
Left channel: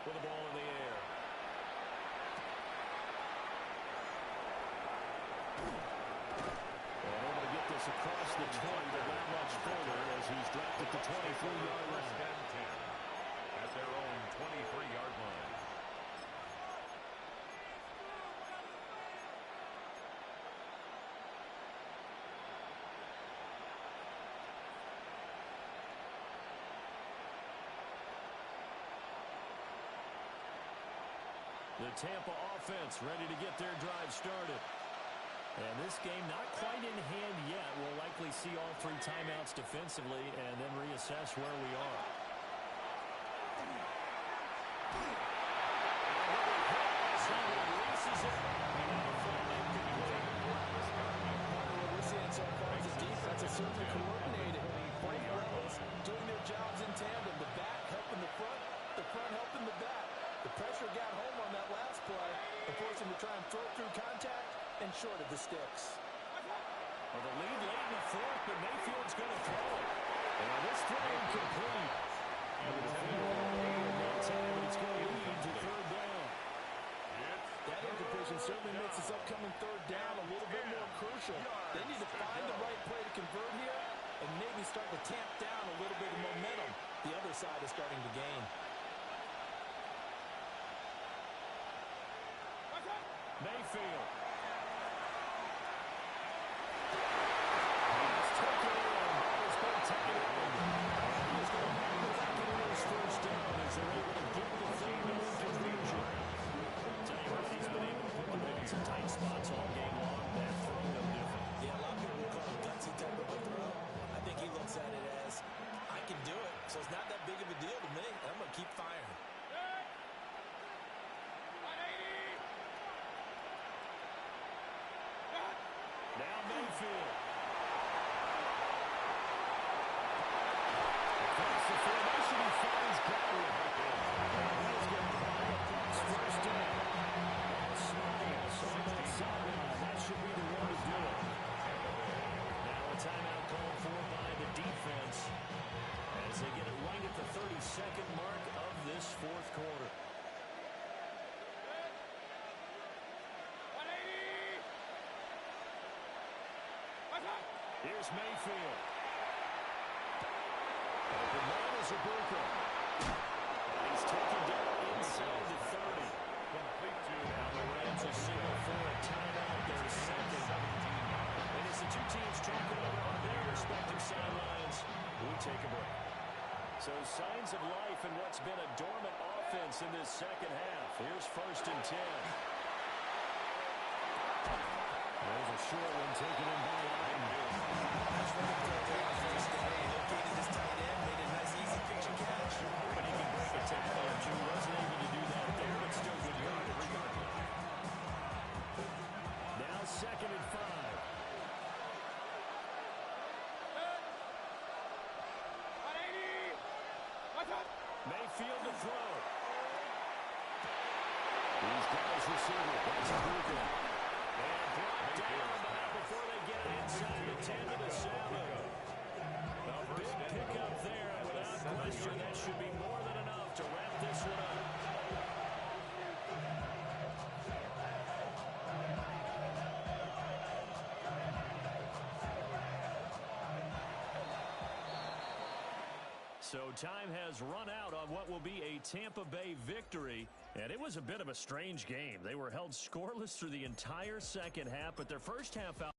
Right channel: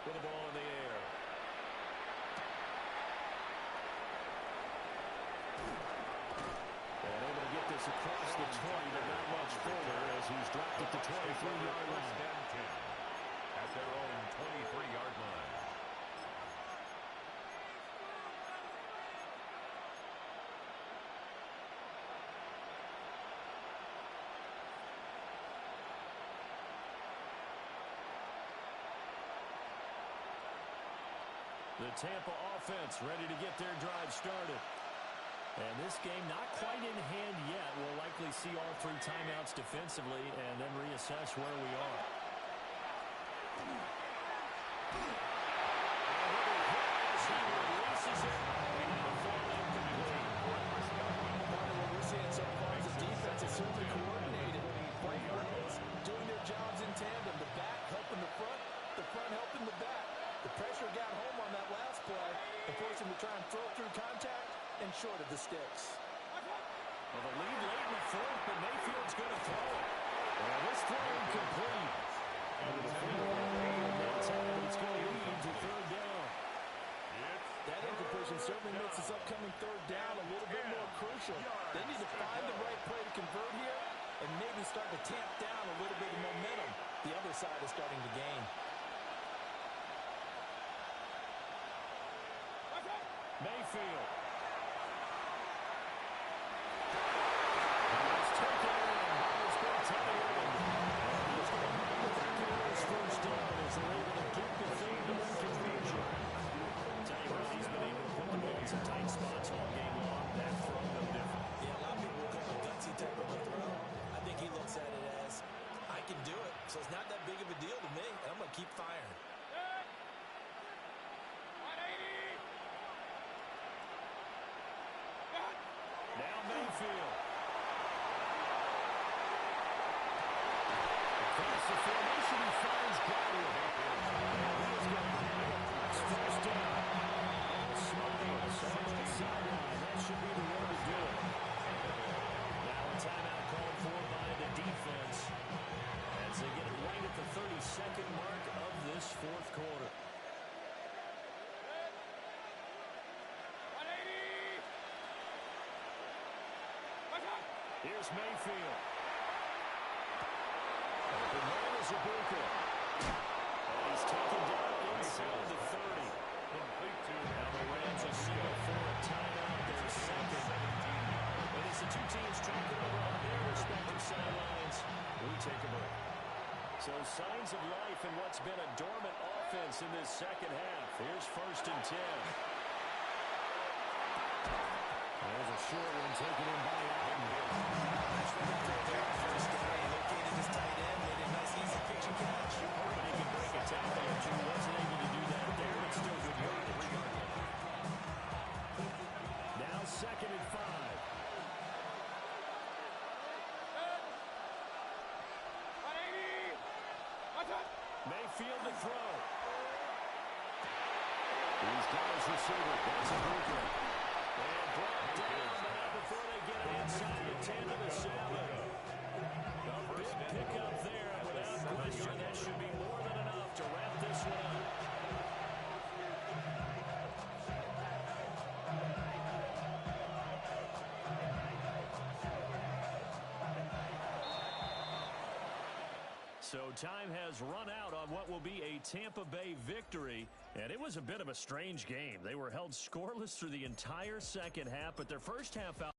with the ball in the air. And able to get this across the 20, but not much further as he's dropped at the 23-yard First line. and 10. At their own 23-yard line. The Tampa offense ready to get their drive started. And this game not quite in hand yet. We'll likely see all 3 timeouts defensively and then reassess where we are. As he releases it, and it'll fall incomplete. Part of what we're seeing so far is the defense is certainly coordinated. Both players doing their jobs in tandem. The back He'll try and throw through contact and short of the sticks. Well, the lead late in the fourth, but Mayfield's going to throw it. And this throw incomplete. And the defender will hold that time, but it's going to lead to third down. That incompletion certainly makes this upcoming third down a little bit more crucial. They need to find the right play to convert here and maybe start to tamp down a little bit of momentum. The other side is starting to gain. Mayfield. He's taken in by his big tight end. And he's going to make the Buccaneers first down as they're able to get the third down conversion. Tell you what, he's been able to put the ball in some tight spots all game long. That throw, no different. Yeah, a lot of people would call it a gutsy type of a throw. I think he looks at it as, I can do it, so it's not that big of a deal to me, and I'm going to keep firing. Now Mayfield. Across the formation, he finds Godwin. And he is going to buy a Bucs first down. Smiles on the sideline. That should be the one to do it. Now a timeout called for by the defense as they get it right at the 32nd mark of this fourth quarter. Here's Mayfield. Open man is Ibuka. And he's taken down inside the 30. Complete to Now the Rams will signal for a timeout, their second. And as the two teams talk it over on their respective sidelines, we take a break. So signs of life in what's been a dormant offense in this second half. Here's 1st and 10. There's a short one taken in by Allen. Nice running throw there on first down. He located his tight end, made a nice, easy pitch and catch. Hoping he can break a tackle or two. Wasn't able to do that there, but still good yardage. Now 2nd and 5. Mayfield to throw. He's got his receiver. That's Ibuka. And brought down, but not before they get it inside the 10 to the 7. A big pickup there, and without question, that should be more than enough to wrap this one up. So time has run out on what will be a Tampa Bay victory, and it was a bit of a strange game. They were held scoreless through the entire second half, but their first half out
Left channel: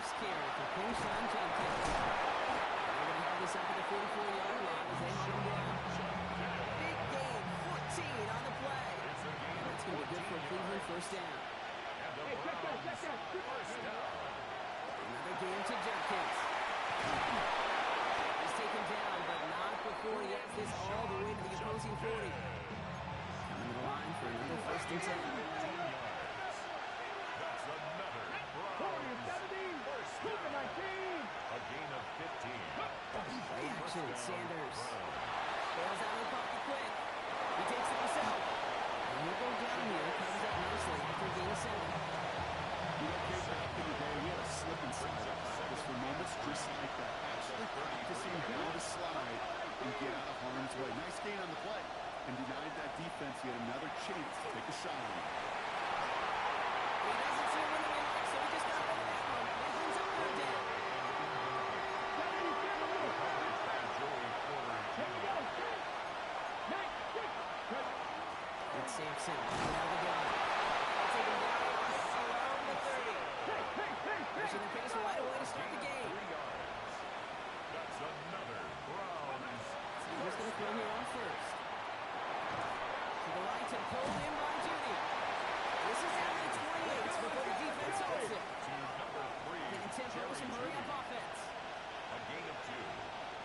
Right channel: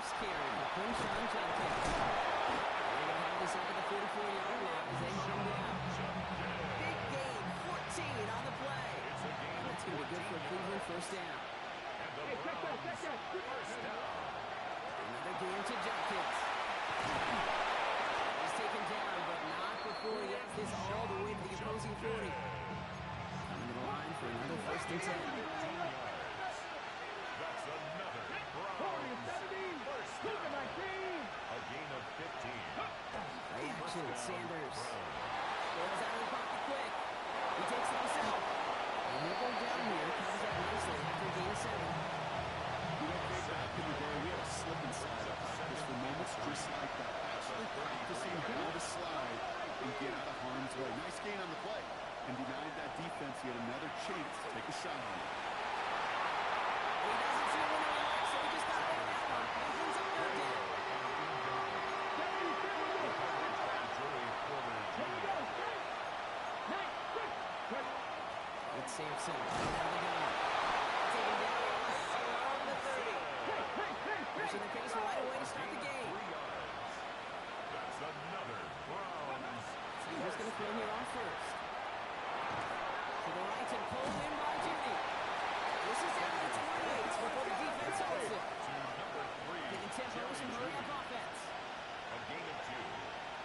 first carry for Quinshon Judkins. They're going to have this up at the 44-yard line as they hunt him down. Big gain, 14 on the play. And that's going to be good for a Cleveland first down. Hey, check that. First down. Another gain to Judkins. He's taken down, but not before he has this all the way to the opposing 40. Coming to the line for another first and 10. 15 yards. That's another Browns first down. A gain of 15. Play action, Sanders. Bails out of the pocket quick. He takes it himself. And he'll go down here, covers up nicely after a gain of 7. You know, Kate, back in the day, we had a slip and slide at practice for moments just like that. Actually practicing how to slide and get out of harm's way. Nice gain on the play. And denied that defense yet another chance to take a shot on him. He doesn't see a window he likes, so he just got over that one. And brings up third down. It's Sampson coming out of the gun. Taken down right along the 30. Pushing the pace right away to start the game. 3 yards. That's another Browns. So he's going to throw here on first. To the right and pulled in by Judy. This is down to the 28 before the defense holds it. To number 3. Getting tempo, some hurry-up offense. A gain of 2.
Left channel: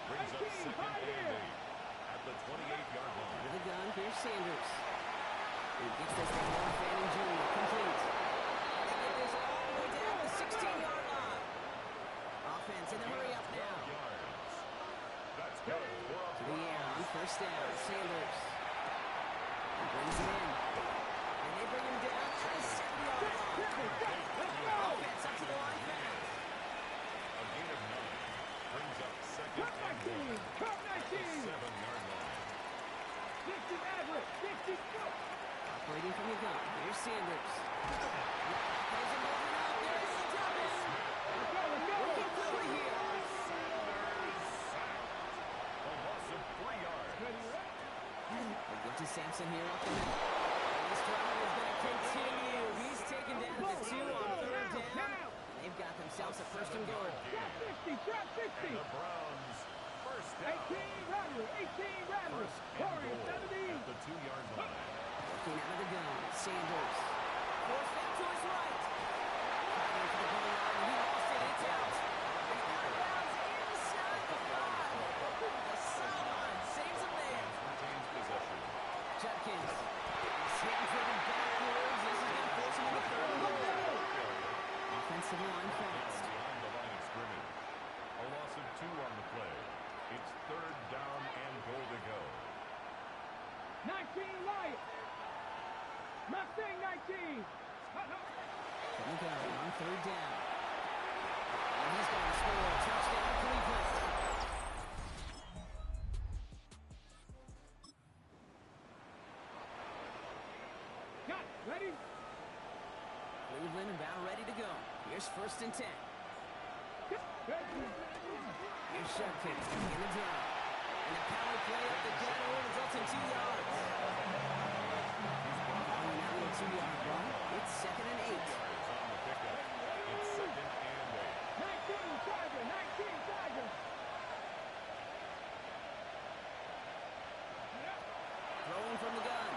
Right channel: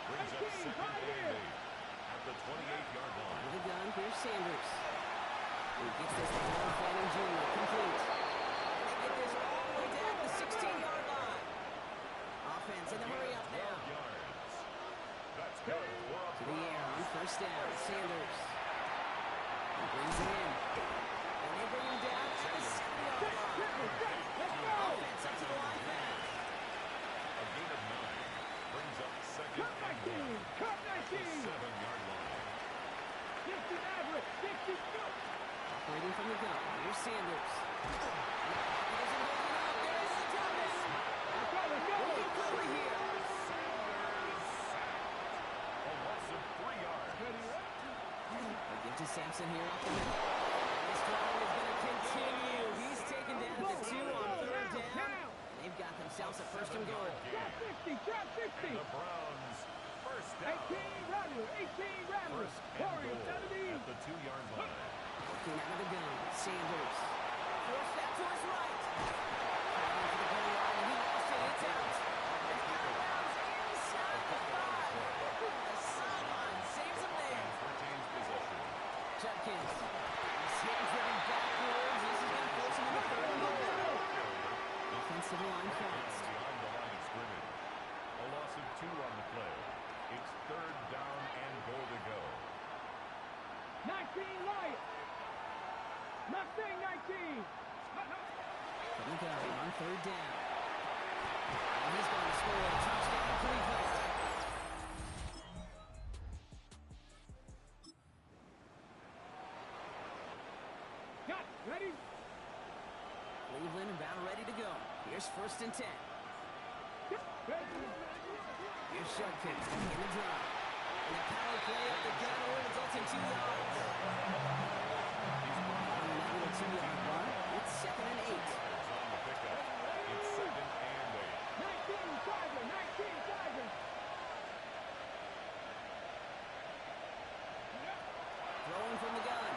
Brings up second and 8 at the 28-yard line. With the gun, here's Sanders. He gets this to Noah Fanning Jr. complete. And they get this all the way down the 16-yard line. Offense in the hurry-up now. 12 yards. That's good for a To the air on first down, Sanders. He brings it in. And they bring him down at the 70-yard line. Offense up to the line fast. A gain of 9. Brings up second and 1 at the 7-yard line. Operating from the gun, here's Sanders. There's him holding up. There is the Thomas. Looking quickly here. Sanders sacked. A loss of 3 yards. They give to Sampson here up the middle. And this drive is going to continue. He's taken down at the 2 on third down. And they've got themselves a first and goal. And the Browns first down. 18 Rattler. First and goal at the 2-yard line. Working out of the gun, Sanders. Forced out to his right. Fighting for the goal line, and he lost it. It's out. And out of bounds inside the 5. The sideline saves him there. Retains possession. Judkins. He's hit and driven backwards. This is going to force him into third and goal. Offensive line fast. Behind the line of scrimmage. A loss of 2 on the play. It's third down and goal to go. 19 Lions. Mustang 19. From the gun on third down. And he's going to score a touchdown to Cleveland. Got ready. Cleveland about ready to go. Here's first and 10. Here's Judkins to begin the drive. And the power play up the gut only results in 2 yards. Following that little 2-yard run, it's second and 8. Yards on the pickup. It's second and 8. 19 Tiger. Throwing from the gun.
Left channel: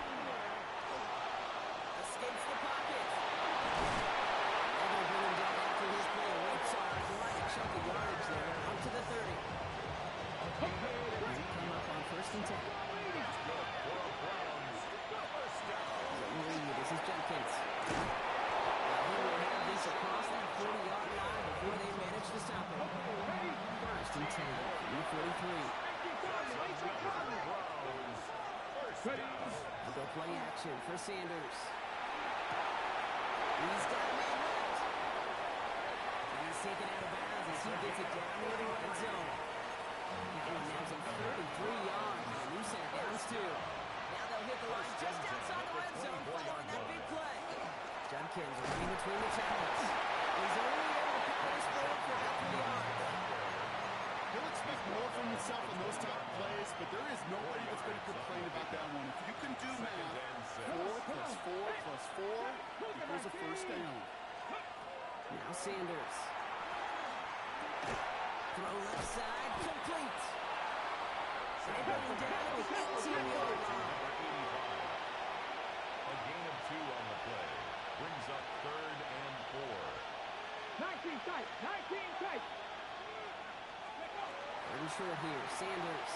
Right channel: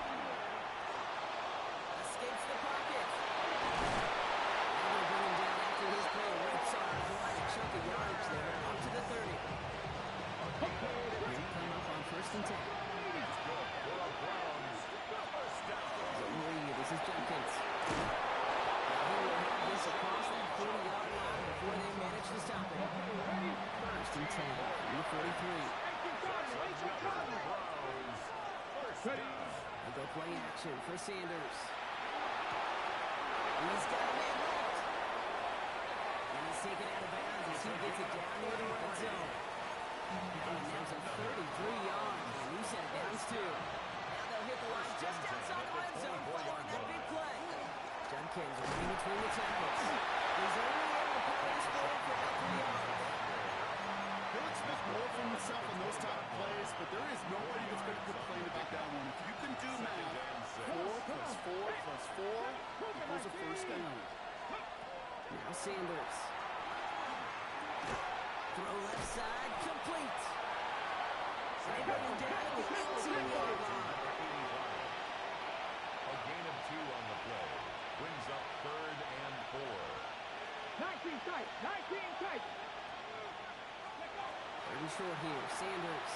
Escapes the pocket. They're going to bring him down after his play. Rips on quite a chunk of yardage there. Up to the 30. He'll come up on first and 10. That's good for a Browns first down. This is Judkins. He will have this across that 40-yard line before they manage to stop it. First and 10 from the 43. Browns first down. They'll go play action for Sanders. He's got a man left. And he's taken out of bounds as he gets it down near the red zone. Now he some 33 yards and a new set of downs too. Now they'll hit the line just outside the red zone following that big play. Judkins running between the tackles. He's only able to power this forward for about 3 yards. He'll expect more from himself on those type of plays, but there is nobody that's going to complain about that one. If you can do math, 4 plus 4 plus 4 equals a first down. Now Sanders. Throw left side, complete. And they bring him down at the 18-yard line. A gain of 2 on the play. Brings up 3rd and 4. 19 tight. 19 tight. 3rd and short here. Sanders.